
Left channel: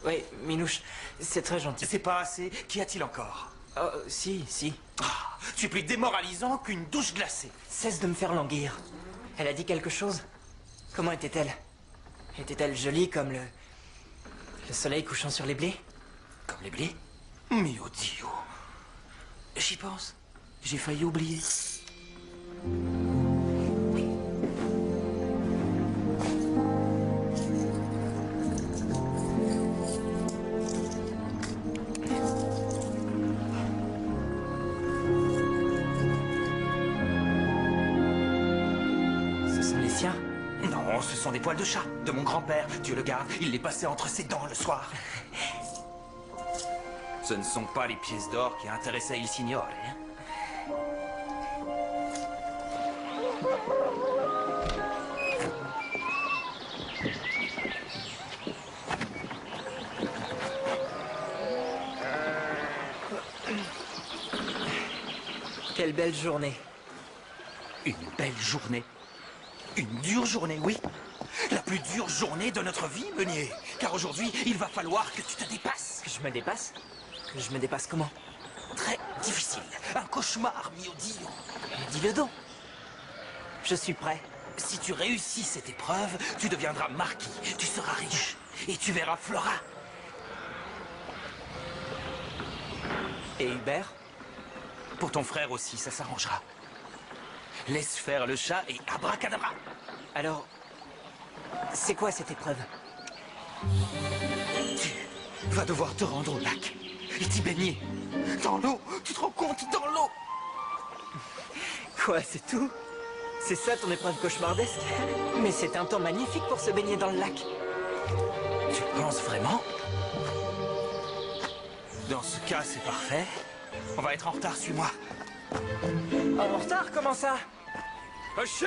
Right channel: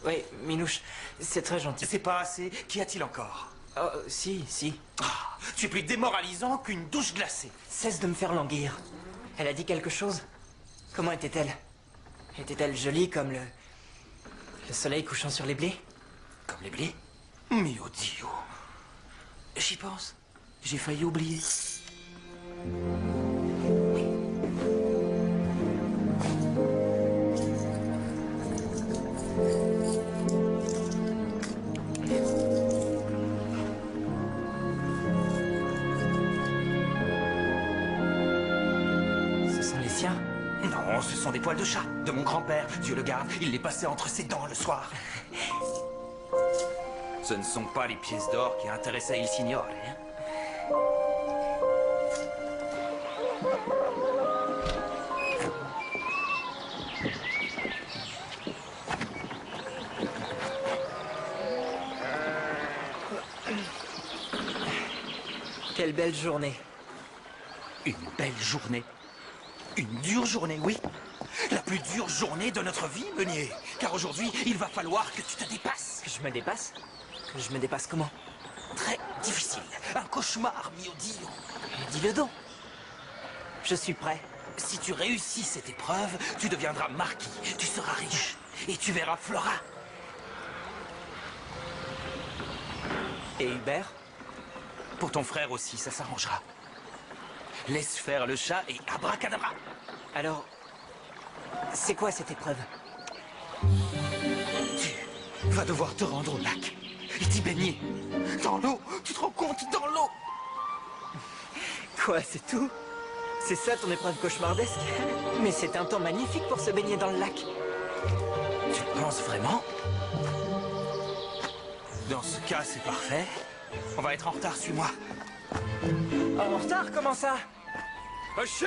Oui, Minouche, c'est très gentil. C'est pas assez. Qu'y a-t-il encore? Oh, si. Ah, tu es plus démoralisant qu'une douche glacée. Cesse de me faire languir. Elle a dit quelque chose? Comment était-elle? Était-elle jolie comme le soleil couchant sur les blés? Comme les blés? Mio Dio. J'y pense. J'ai failli oublier. Ce sont les siens? Non, ce sont des poils de chat de mon grand-père. Dieu le garde, il les passait entre ses dents le soir. Ce ne sont pas les pièces d'or qui intéressaient il signore, hein? Quelle belle journée. Une belle journée. Une dure journée, oui. La plus dure journée de notre vie, Meunier. Car aujourd'hui, il va falloir que tu te dépasses. Que je me dépasse? Que je me dépasse comment? Très difficile. Un cauchemar, mio Dio. Dis-le donc. Je suis prêt. Si tu réussis cette épreuve, tu deviendras marquis. Tu seras riche. Et tu verras Flora. Et Hubert? Pour ton frère aussi, ça s'arrangera. Laisse faire le chat et abracadabra. Alors, c'est quoi cette épreuve? Tu vas devoir te rendre au lac et t'y baigner. Dans l'eau, tu te rends compte, dans l'eau. Quoi, c'est tout? C'est ça ton épreuve cauchemardesque? Mais c'est un temps magnifique pour se baigner dans le lac. Tu penses vraiment? Dans ce cas, c'est parfait. On va être en retard, suis-moi. En retard, comment ça? Cocher!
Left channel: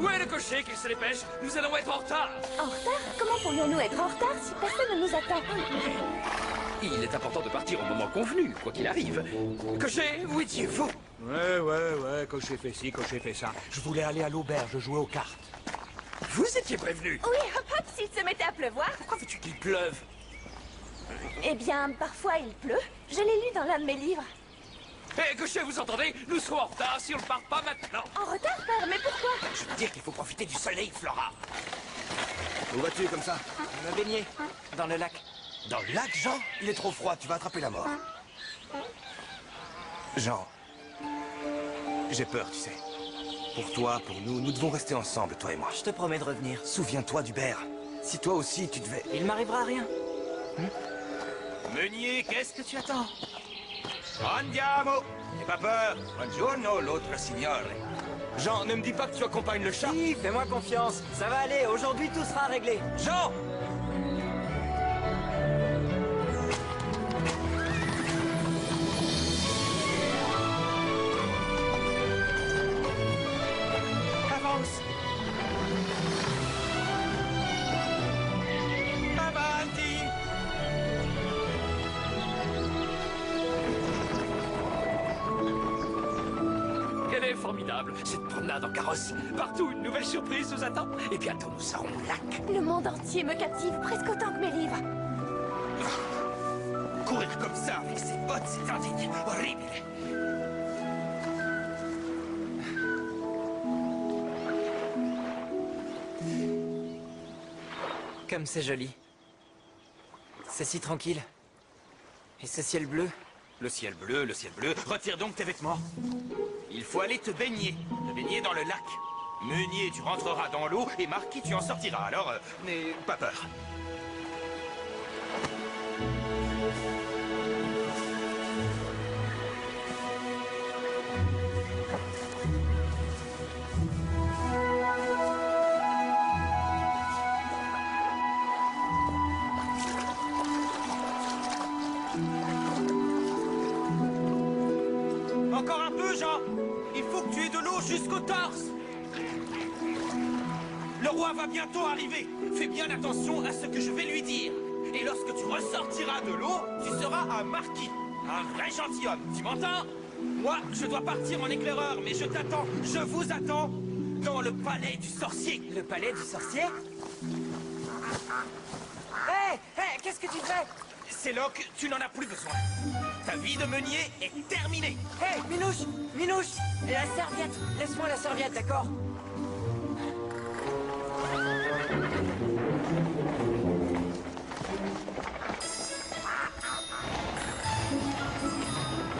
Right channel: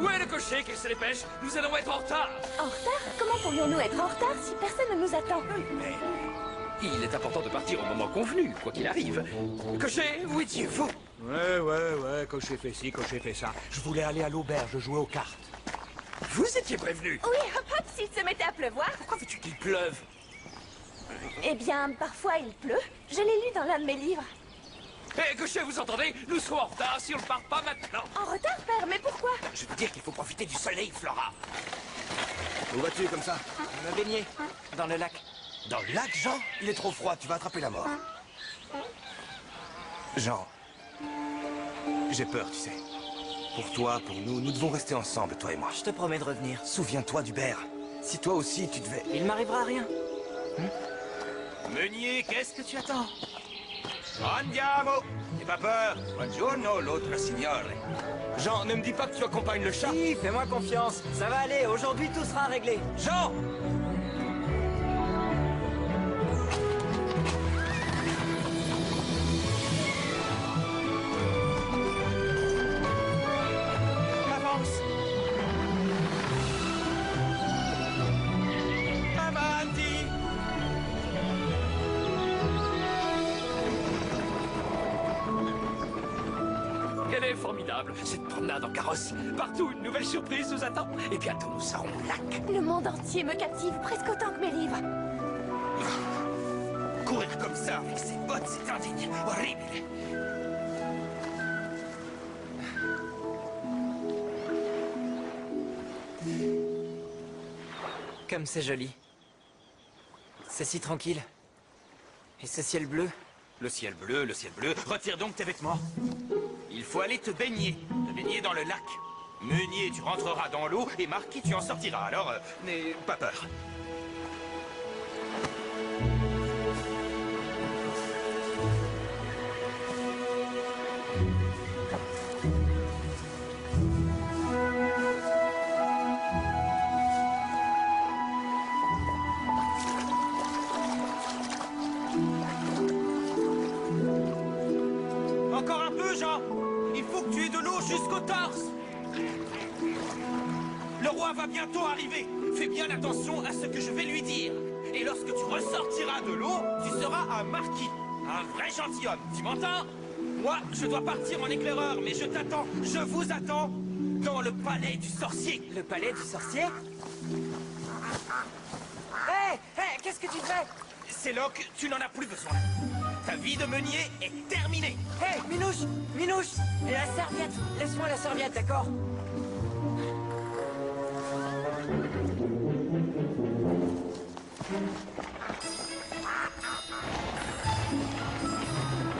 Où est le cocher qu'il se dépêche? Nous allons être en retard! En retard? Comment pourrions-nous être en retard si personne ne nous attend? Il est important de partir au moment convenu, quoi qu'il arrive. Cocher, où étiez-vous? Ouais, cocher fait ci, cocher fait ça. Je voulais aller à l'auberge jouer aux cartes. Vous étiez prévenu. Oui, hop hop, s'il se mettait à pleuvoir. Pourquoi veux-tu qu'il pleuve? Eh bien, parfois il pleut. Je l'ai lu dans l'un de mes livres. Hé, cocher, vous entendez? Nous serons en retard si on ne part pas maintenant. En retard, père, mais pourquoi? Je veux dire qu'il faut profiter du soleil, Flora. Où vas-tu comme ça? Me baigner dans le lac. Dans le lac, Jean? Il est trop froid, tu vas attraper la mort. Jean, j'ai peur, tu sais. Pour toi, pour nous, nous devons rester ensemble, toi et moi. Je te promets de revenir. Souviens-toi d'Hubert. Si toi aussi, tu devais... Il m'arrivera rien. Meunier, qu'est-ce que tu attends? Andiamo! N'aie pas peur. Buongiorno, l'autre signore. Jean, ne me dis pas que tu accompagnes le chat. Si, fais-moi confiance. Ça va aller, aujourd'hui tout sera réglé. Jean! Avance! Avanti! Elle est formidable, cette promenade en carrosse. Partout, une nouvelle surprise nous attend. Et bientôt, nous serons au lac. Le monde entier me captive presque autant que mes livres. Courir comme ça avec ses bottes, c'est indigne. Horrible. Comme c'est joli. C'est si tranquille. Et ce ciel bleu. Le ciel bleu, le ciel bleu. Retire donc tes vêtements. Il faut aller te baigner. Te baigner dans le lac. Meunier, tu rentreras dans l'eau et Marquis, tu en sortiras. Alors, n'aie pas peur. Jean! Il faut que tu aies de l'eau jusqu'au torse! Le roi va bientôt arriver. Fais bien attention à ce que je vais lui dire. Et lorsque tu ressortiras de l'eau, tu seras un marquis. Un vrai gentilhomme, tu m'entends? Moi, je dois partir en éclaireur, mais je t'attends, je vous attends, dans le palais du sorcier. Le palais du sorcier? Hé, qu'est-ce que tu fais? C'est Locke, tu n'en as plus besoin. Ta vie de meunier est terminée. Hé, Minouche, la serviette. Laisse-moi la serviette, d'accord?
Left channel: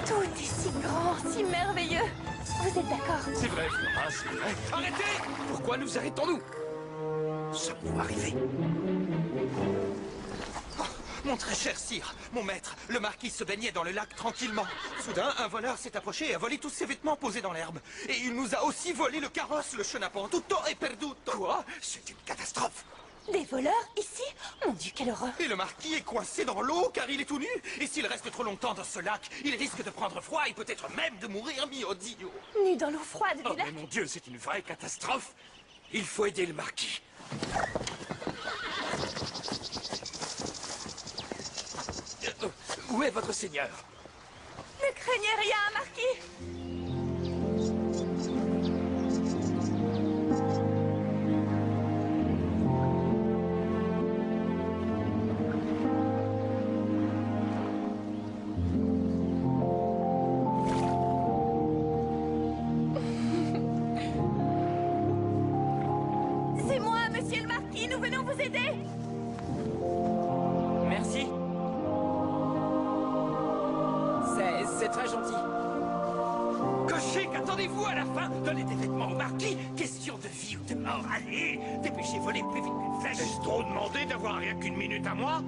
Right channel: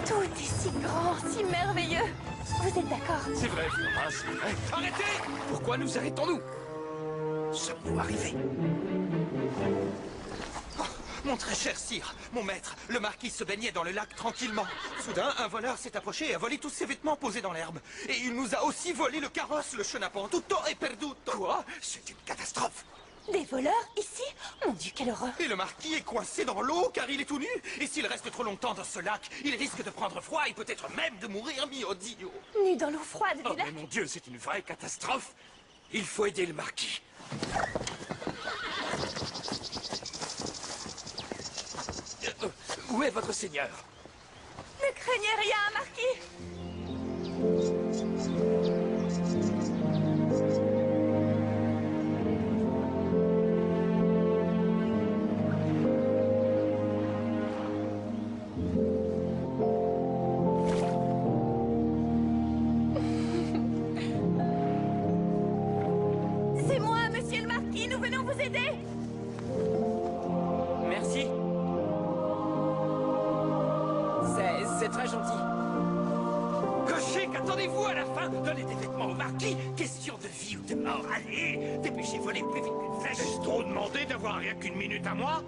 Tout est si grand, si merveilleux. Vous êtes d'accord? C'est vrai, Flora, c'est vrai. Arrêtez! Pourquoi nous arrêtons-nous? Sommes-nous arrivés? Oh, mon très cher sire, mon maître, le marquis se baignait dans le lac tranquillement. Soudain, un voleur s'est approché et a volé tous ses vêtements posés dans l'herbe. Et il nous a aussi volé le carrosse, le chenapan, tutto et perduto. Quoi? C'est une catastrophe. Des voleurs ici? Mon Dieu, quelle horreur! Et le marquis est coincé dans l'eau car il est tout nu. Et s'il reste trop longtemps dans ce lac, il risque de prendre froid et peut-être même de mourir mio Dio. Nu dans l'eau froide Oh, du lac? mais mon Dieu, c'est une vraie catastrophe. Il faut aider le marquis. Où est votre seigneur? Ne craignez rien, marquis! C'est moi, monsieur le marquis, nous venons vous aider! Merci. C'est très gentil. Cocher, qu'attendez-vous à la fin? Donnez des vêtements au marquis. Question de vie ou de mort. Allez, dépêchez, volez plus vite qu'une flèche. Est-ce trop demandé d'avoir rien qu'une minute à moi?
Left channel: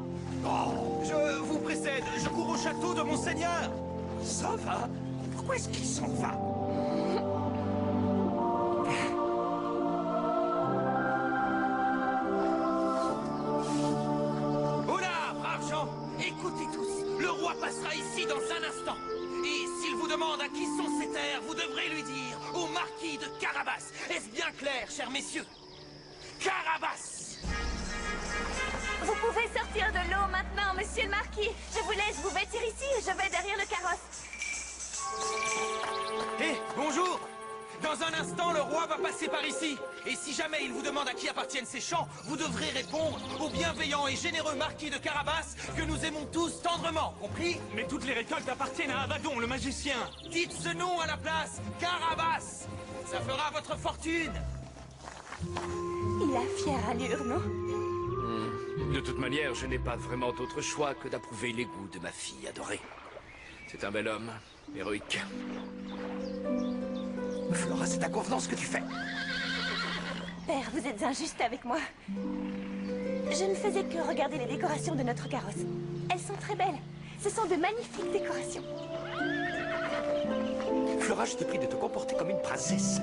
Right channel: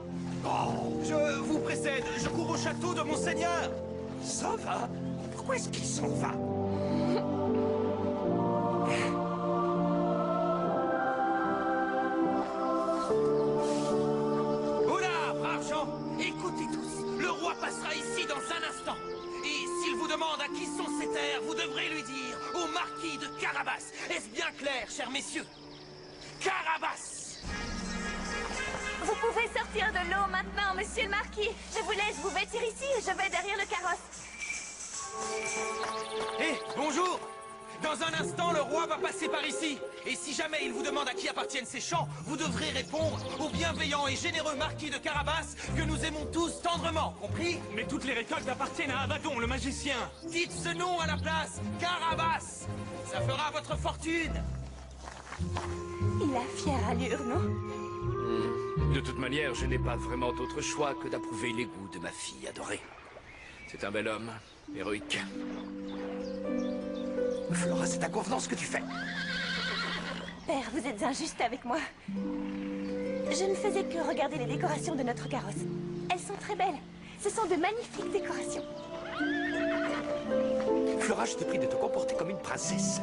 Oh, je vous précède. Je cours au château de mon seigneur. Ça va? Pourquoi est-ce qu'il s'en va? Oula, braves gens, écoutez tous. Le roi passera ici dans un instant. Et s'il vous demande à qui sont ces terres, vous devrez lui dire au marquis de Carabas. Est-ce bien clair, chers messieurs? Carabas! Vous pouvez sortir de l'eau maintenant, monsieur le marquis. Je vous laisse vous vêtir ici et je vais derrière le carrosse. Eh, bonjour! Dans un instant, le roi va passer par ici. Et si jamais il vous demande à qui appartiennent ces champs, vous devrez répondre au bienveillant et généreux marquis de Carabas que nous aimons tous tendrement, compris? Mais toutes les récoltes appartiennent à Abaddon, le magicien. Dites ce nom à la place, Carabas! Ça fera votre fortune! Il a fière allure, non? De toute manière, je n'ai pas vraiment d'autre choix que d'approuver les goûts de ma fille adorée. C'est un bel homme, héroïque. Flora, c'est à convenance que tu fais. Père, vous êtes injuste avec moi. Je ne faisais que regarder les décorations de notre carrosse. Elles sont très belles. Ce sont de magnifiques décorations. Flora, je te prie de te comporter comme une princesse.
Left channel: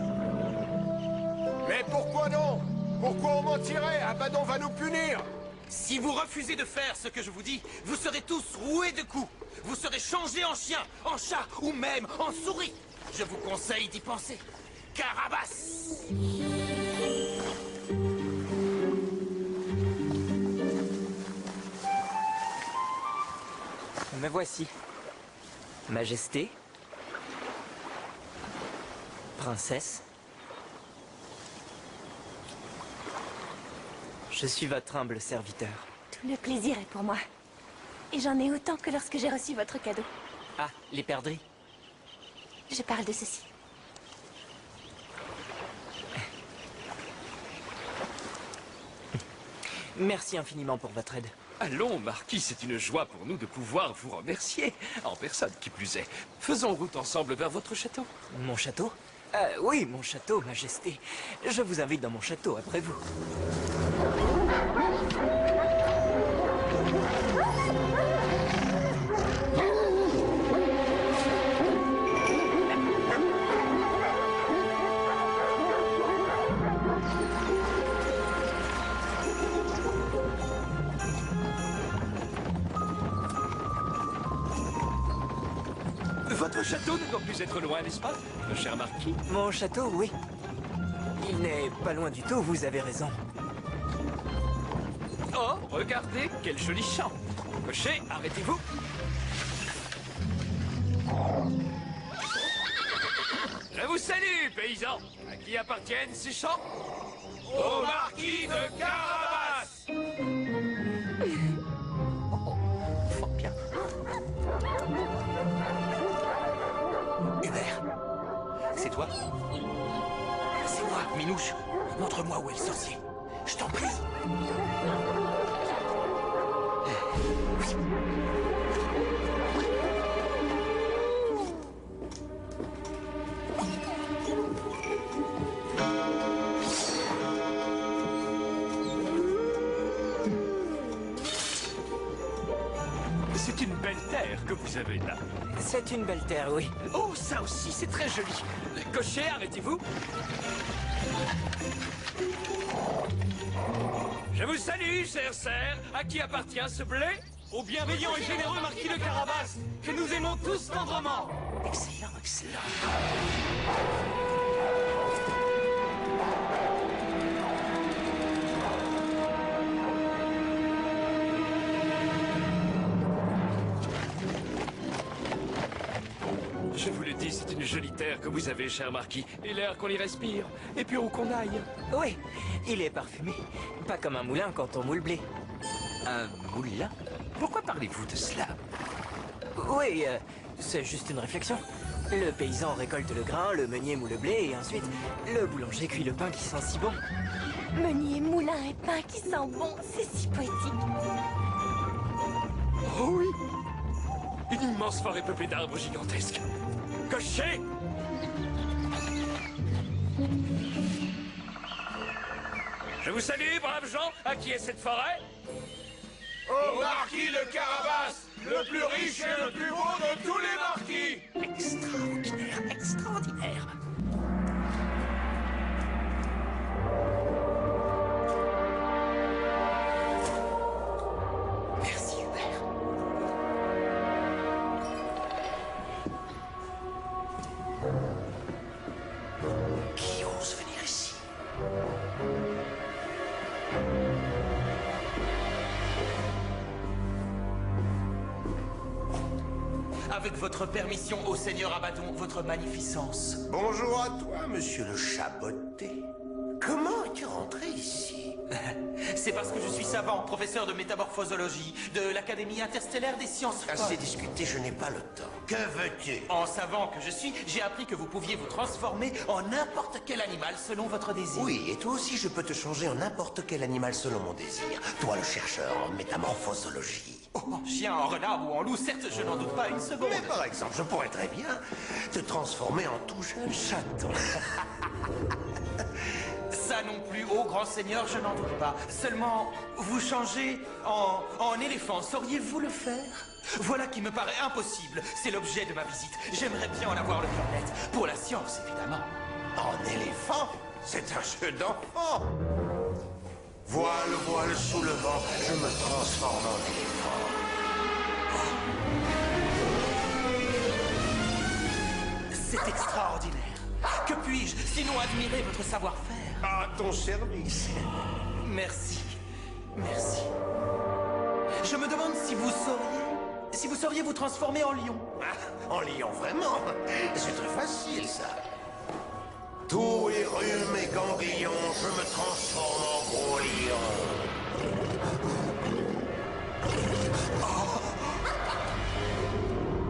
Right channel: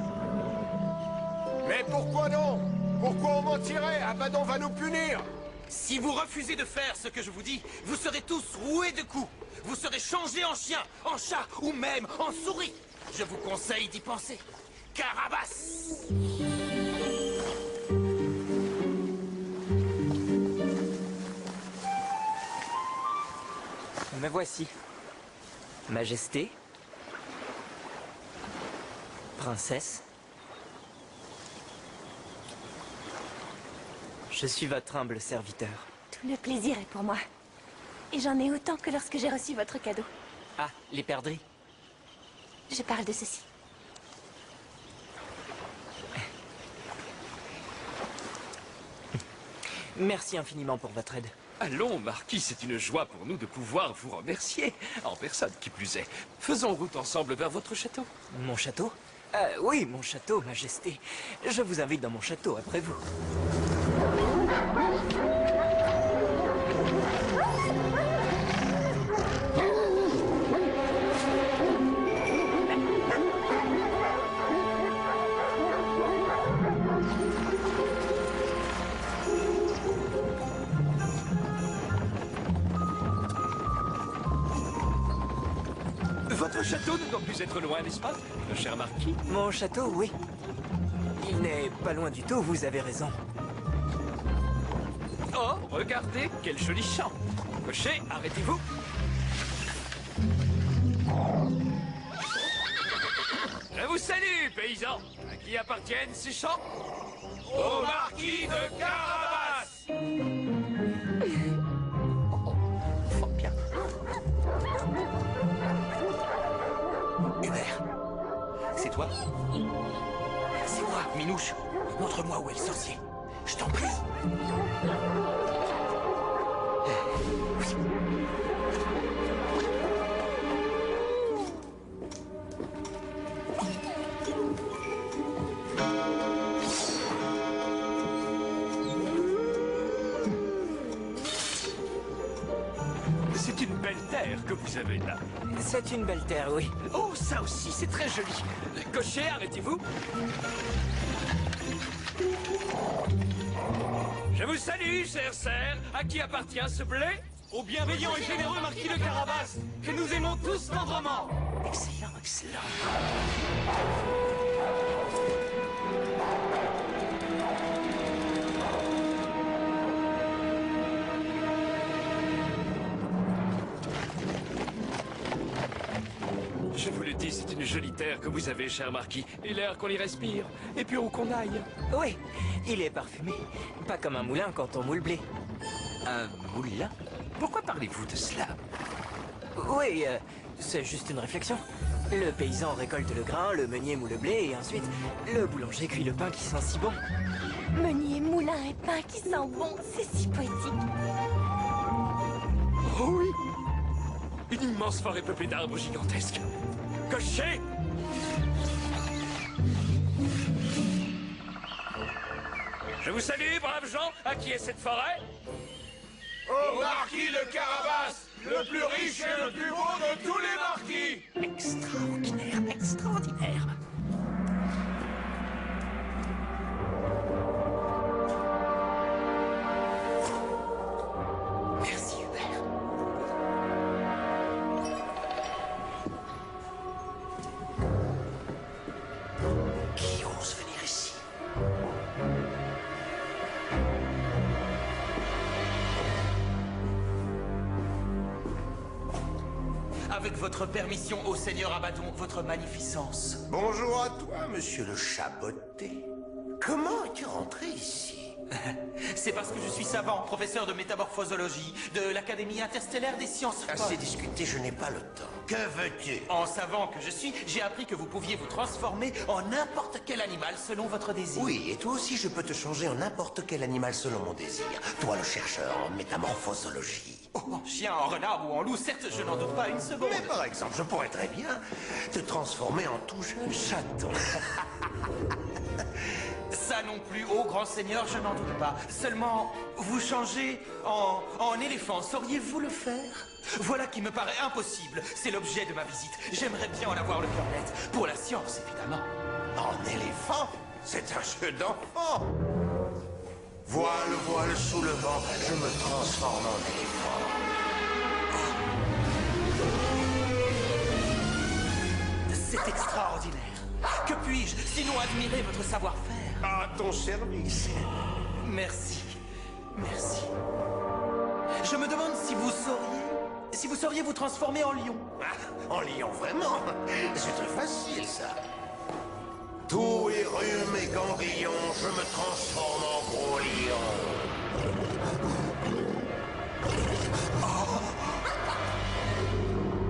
Mais pourquoi donc? Pourquoi on mentirait? Abaddon va nous punir! Si vous refusez de faire ce que je vous dis, vous serez tous roués de coups. Vous serez changés en chien, en chat ou même en souris. Je vous conseille d'y penser. Carabas! Me voici. Majesté. Princesse. Je suis votre humble serviteur. Tout le plaisir est pour moi. Et j'en ai autant que lorsque j'ai reçu votre cadeau. Ah, les perdrix. Je parle de ceci. Merci infiniment pour votre aide. Allons, Marquis, c'est une joie pour nous de pouvoir vous remercier. En personne, qui plus est. Faisons route ensemble vers votre château. Mon château? Oui, mon château, Majesté. Je vous invite dans mon château après vous. Votre château ne doit plus être loin, n'est-ce pas, cher marquis? Mon château, oui. Il n'est pas loin du tout, vous avez raison. Oh, regardez, quel joli champ. Cocher, arrêtez-vous. Je vous salue, paysans. À qui appartiennent ces champs? Au marquis de Carabas. Fort bien. Hubert, c'est toi? C'est moi, Minouche. Montre-moi où est le sorcier. Je t'en prie. C'est une belle terre que vous avez là. C'est une belle terre, oui. Oh, ça aussi, c'est très joli. Cocher, arrêtez-vous. Je vous salue, cher cerf. À qui appartient ce blé? Au bienveillant et généreux marquis de Carabas, que nous aimons tous tendrement. Excellent, excellent. Je vous le dis, c'est une jolie terre que vous avez, cher marquis. Et l'air qu'on y respire. Et puis où qu'on aille. Oui, il est parfumé. Pas comme un moulin quand on moule blé. Un moulin? Pourquoi parlez-vous de cela? Oui, c'est juste une réflexion. Le paysan récolte le grain, le meunier moule le blé, et ensuite, le boulanger cuit le pain qui sent si bon. Meunier, moulin et pain qui sent bon, c'est si poétique. Oh oui! Une immense forêt peuplée d'arbres gigantesques. Cocher! Je vous salue, braves gens. À qui est cette forêt? Au marquis de Carabas, le plus riche et le plus beau de tous les marquis. Extraordinaire, extraordinaire. Merci, Hubert. Qui ose venir ici? Avec votre permission, ô Seigneur Abaddon, votre magnificence. Bonjour à toi, monsieur le chaboté. Comment es-tu rentré ici? C'est parce que je suis savant, professeur de métamorphosologie de l'Académie interstellaire des sciences folles. Assez discuté, je n'ai pas le temps. Que veux-tu? En savant que je suis, j'ai appris que vous pouviez vous transformer en n'importe quel animal selon votre désir. Oui, et toi aussi, je peux te changer en n'importe quel animal selon mon désir. Toi, le chercheur en métamorphosologie. Oh, en chien, en renard ou en loup, certes, je n'en doute pas une seconde. Mais par exemple, je pourrais très bien te transformer en tout jeune chaton. Ça non plus, ô grand seigneur, je n'en doute pas. Seulement, vous changer en éléphant, sauriez-vous le faire? Voilà qui me paraît impossible. C'est l'objet de ma visite. J'aimerais bien en avoir le cœur net. Pour la science, évidemment. En éléphant? C'est un jeu d'enfant. Voile, voile sous le vent, je me transforme en éléphant. C'est extraordinaire. Que puis-je, sinon admirer votre savoir-faire? À ton service. Merci. Merci. Je me demande si vous sauriez vous transformer en lion. Ah, en lion, vraiment? C'est très facile, ça. Tout et rhume et ganglion, je me transforme en gros lion.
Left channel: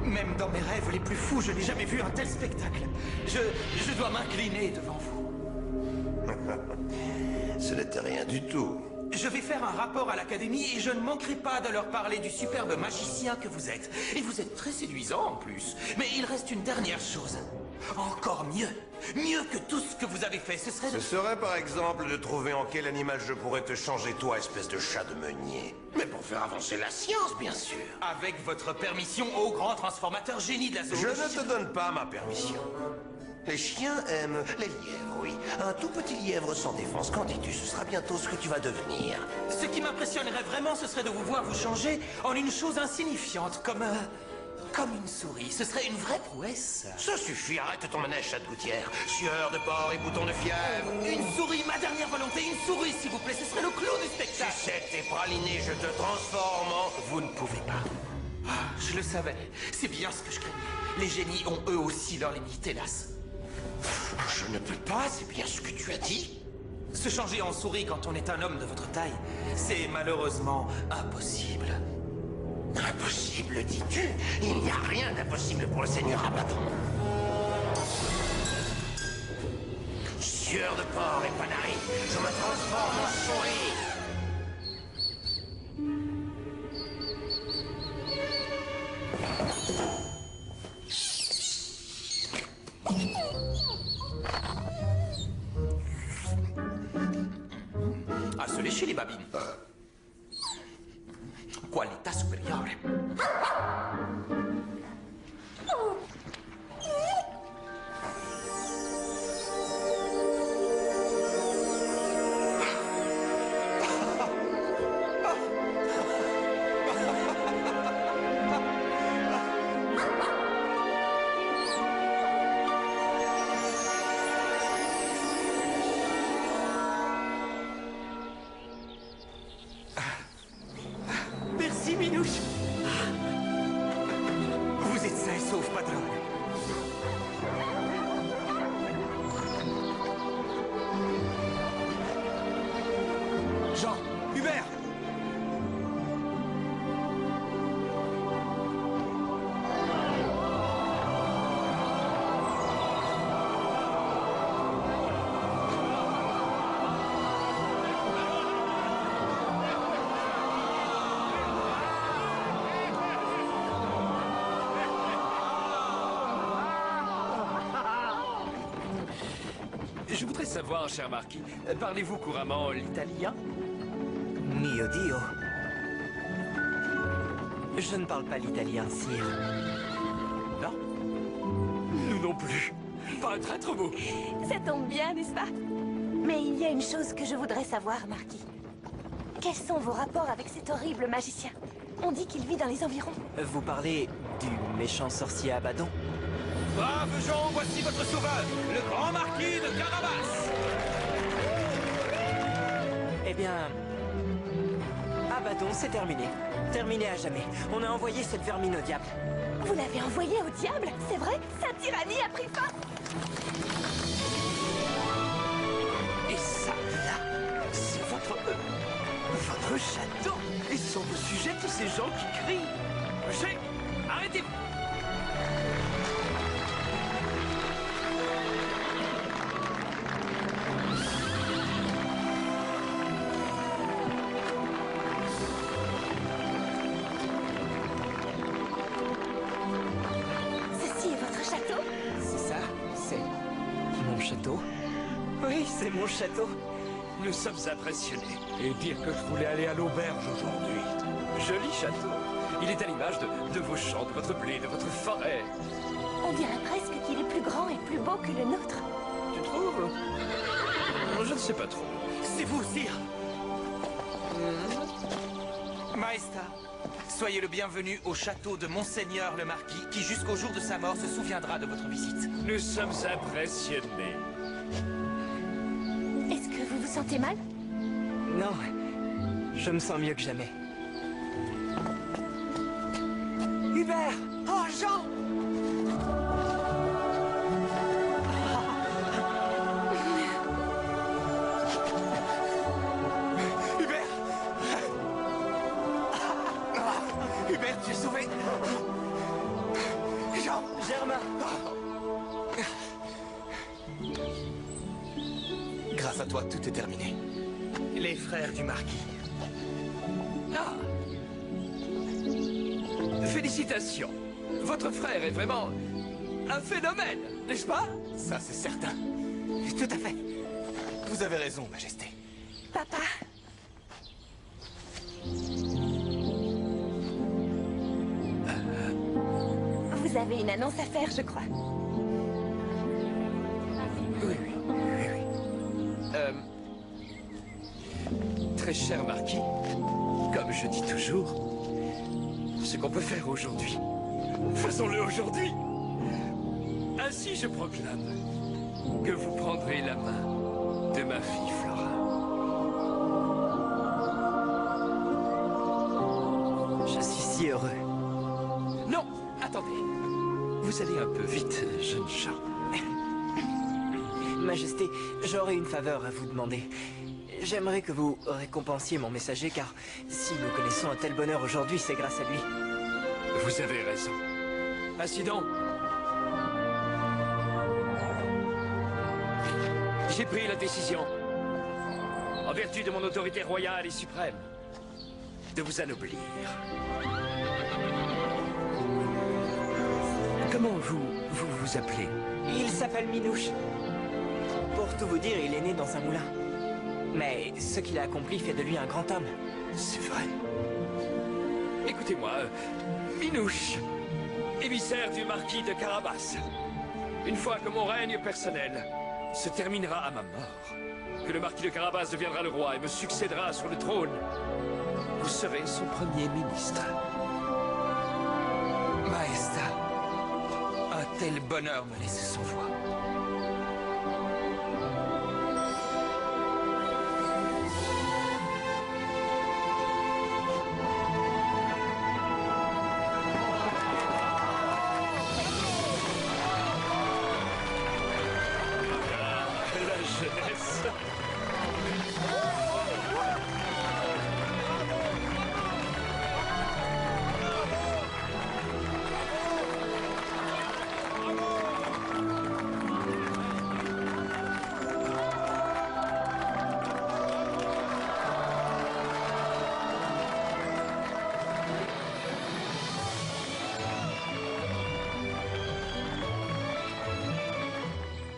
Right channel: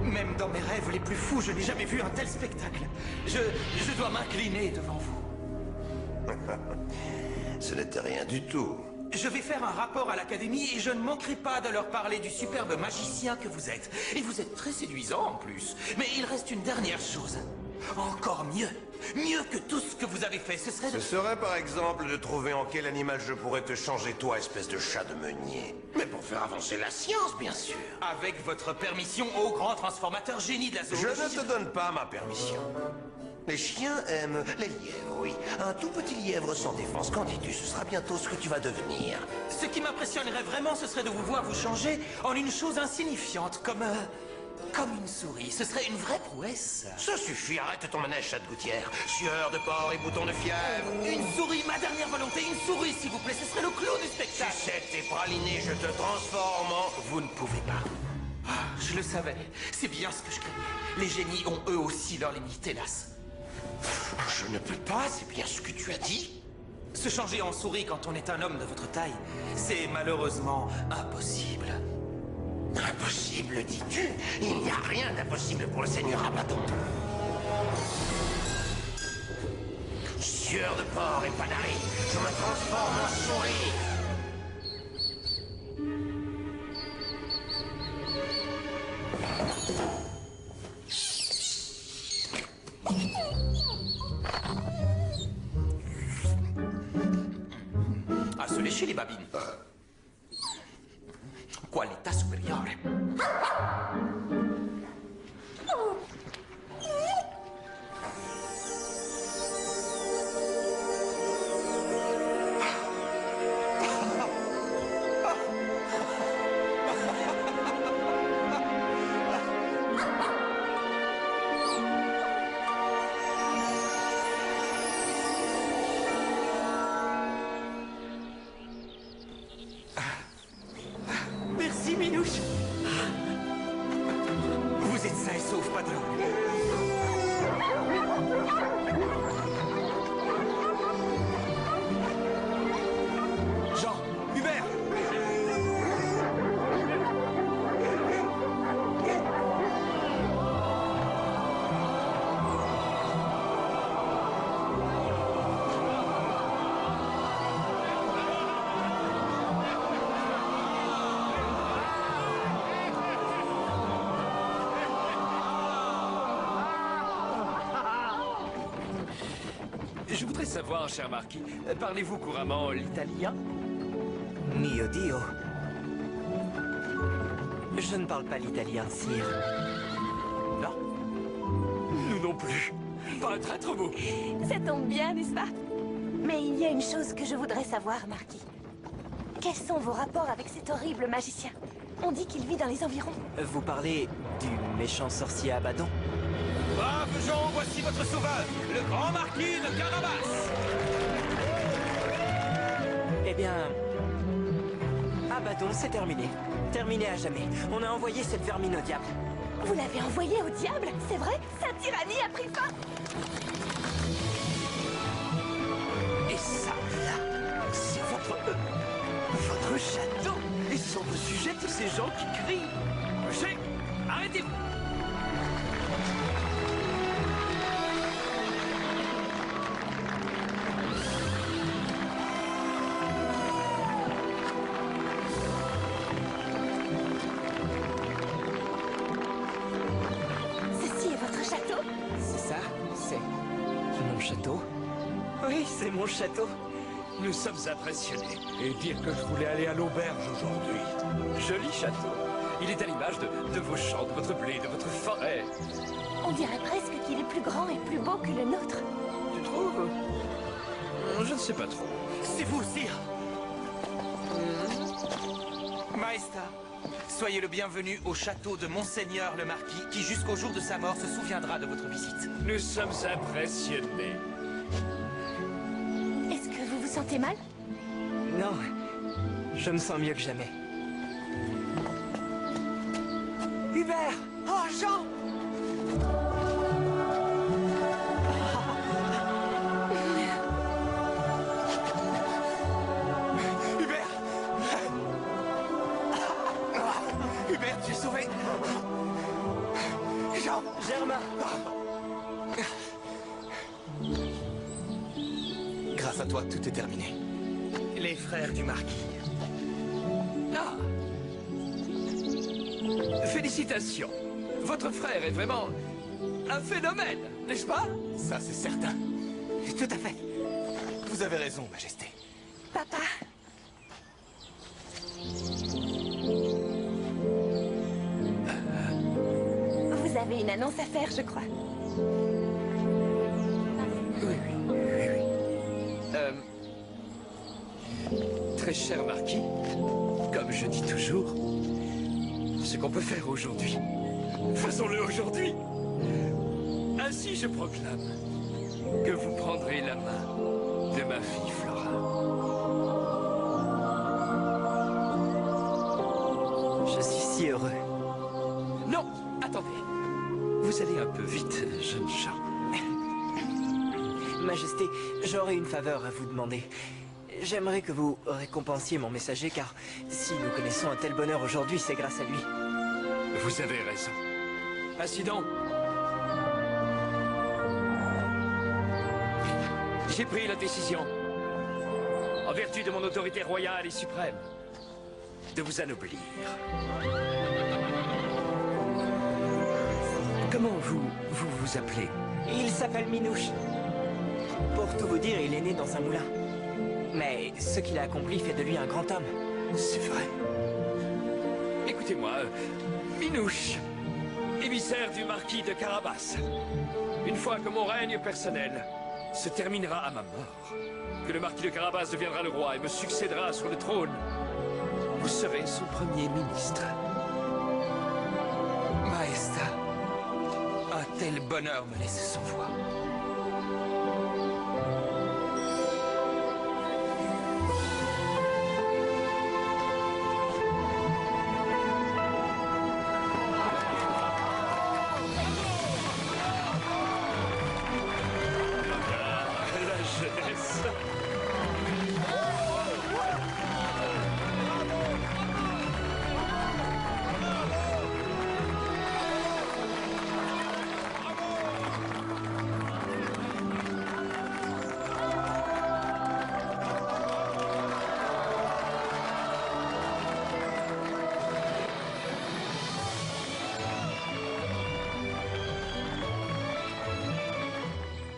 Même dans mes rêves les plus fous, je n'ai jamais vu un tel spectacle. Je dois m'incliner devant vous. Ce n'était rien du tout. Je vais faire un rapport à l'Académie et je ne manquerai pas de leur parler du superbe magicien que vous êtes. Et vous êtes très séduisant en plus. Mais il reste une dernière chose. Encore mieux. Mieux que tout ce que vous avez fait, ce serait de... Ce serait par exemple de trouver en quel animal je pourrais te changer, toi, espèce de chat de meunier. Mais pour faire avancer la science, bien sûr. Avec votre permission, ô grand transformateur génie de la Je zoologie... ne te donne pas ma permission. Les chiens aiment les lièvres, oui. Un tout petit lièvre sans défense. Qu'en dis-tu? Ce sera bientôt ce que tu vas devenir. Ce qui m'impressionnerait vraiment, ce serait de vous voir vous changer en une chose insignifiante, comme Comme une souris, ce serait une vraie prouesse. Ça suffit, arrête ton manège, chat de gouttière. Sueur de porc et bouton de fièvre. Une souris, ma dernière volonté, une souris, s'il vous plaît, ce serait le clou du spectacle. Sucette tes pralinés, je te transforme en... Vous ne pouvez pas. Ah, je le savais. C'est bien ce que je craignais. Les génies ont eux aussi leurs limites, hélas. Je ne peux pas, c'est bien ce que tu as dit. Se changer en souris quand on est un homme de votre taille, c'est malheureusement impossible. Impossible, dis-tu? Il n'y a rien d'impossible pour le seigneur Abaddon. Sueur de porc et panari, je me transforme en souris. À se lécher les babines. Qualità superiore. Merci, Minouche. Vous êtes sain et sauf, patron. Jean, Hubert. Je voudrais savoir, cher marquis, parlez-vous couramment l'italien? Mio Dio. Je ne parle pas l'italien, sire. Non. Nous non plus. Pas un traître mot. Ça tombe bien, n'est-ce pas? Mais il y a une chose que je voudrais savoir, Marquis. Quels sont vos rapports avec cet horrible magicien? On dit qu'il vit dans les environs. Vous parlez du méchant sorcier Abaddon? Braves gens, voici votre sauveur, le grand marquis de Carabas. Eh bien... Abaddon, c'est terminé. Terminé à jamais. On a envoyé cette vermine au diable. Vous l'avez envoyé au diable? C'est vrai? Sa tyrannie a pris fin? Et ça, là, c'est votre château. Et ce sont vos sujets, tous ces gens qui crient. Arrêtez-vous. Ceci est votre château? C'est ça? C'est... mon château? Oui, c'est mon château. Nous sommes impressionnés. Et dire que je voulais aller à l'auberge aujourd'hui. Joli château. Il est à l'image de vos champs, de votre blé, de votre forêt. On dirait presque qu'il est plus grand et plus beau que le nôtre. Tu trouves? Je ne sais pas trop. C'est vous, sire. Maesta, soyez le bienvenu au château de Monseigneur le Marquis, qui jusqu'au jour de sa mort se souviendra de votre visite. Nous sommes impressionnés. Est-ce que vous vous sentez mal? Non, je me sens mieux que jamais. Hubert! Oh, Jean! Hubert! Hubert, tu es sauvé! Jean! Germain! Grâce à toi, tout est terminé. Les frères du marquis. Ah! Félicitations. Votre frère est vraiment un phénomène, n'est-ce pas? Ça, c'est certain. Tout à fait. Vous avez raison, Majesté. Papa? Vous avez une annonce à faire, je crois. Oui. Très cher marquis, comme je dis toujours, ce qu'on peut faire aujourd'hui Faisons-le aujourd'hui. Ainsi, je proclame que vous prendrez la main de ma fille Flora. Je suis si heureux. Non, attendez. Vous allez un peu vite, jeune chat. Majesté, j'aurais une faveur à vous demander. J'aimerais que vous récompensiez mon messager, car si nous connaissons un tel bonheur aujourd'hui, c'est grâce à lui. Vous avez raison. Ainsi donc, j'ai pris la décision, en vertu de mon autorité royale et suprême, de vous anoblir. Comment vous appelez? Il s'appelle Minouche. Pour tout vous dire, il est né dans un moulin. Mais ce qu'il a accompli fait de lui un grand homme. C'est vrai. Écoutez-moi, Minouche, émissaire du marquis de Carabas. Une fois que mon règne personnel se terminera à ma mort, que le marquis de Carabas deviendra le roi et me succédera sur le trône, vous serez son premier ministre. Maesta, un tel bonheur me laisse sans voix.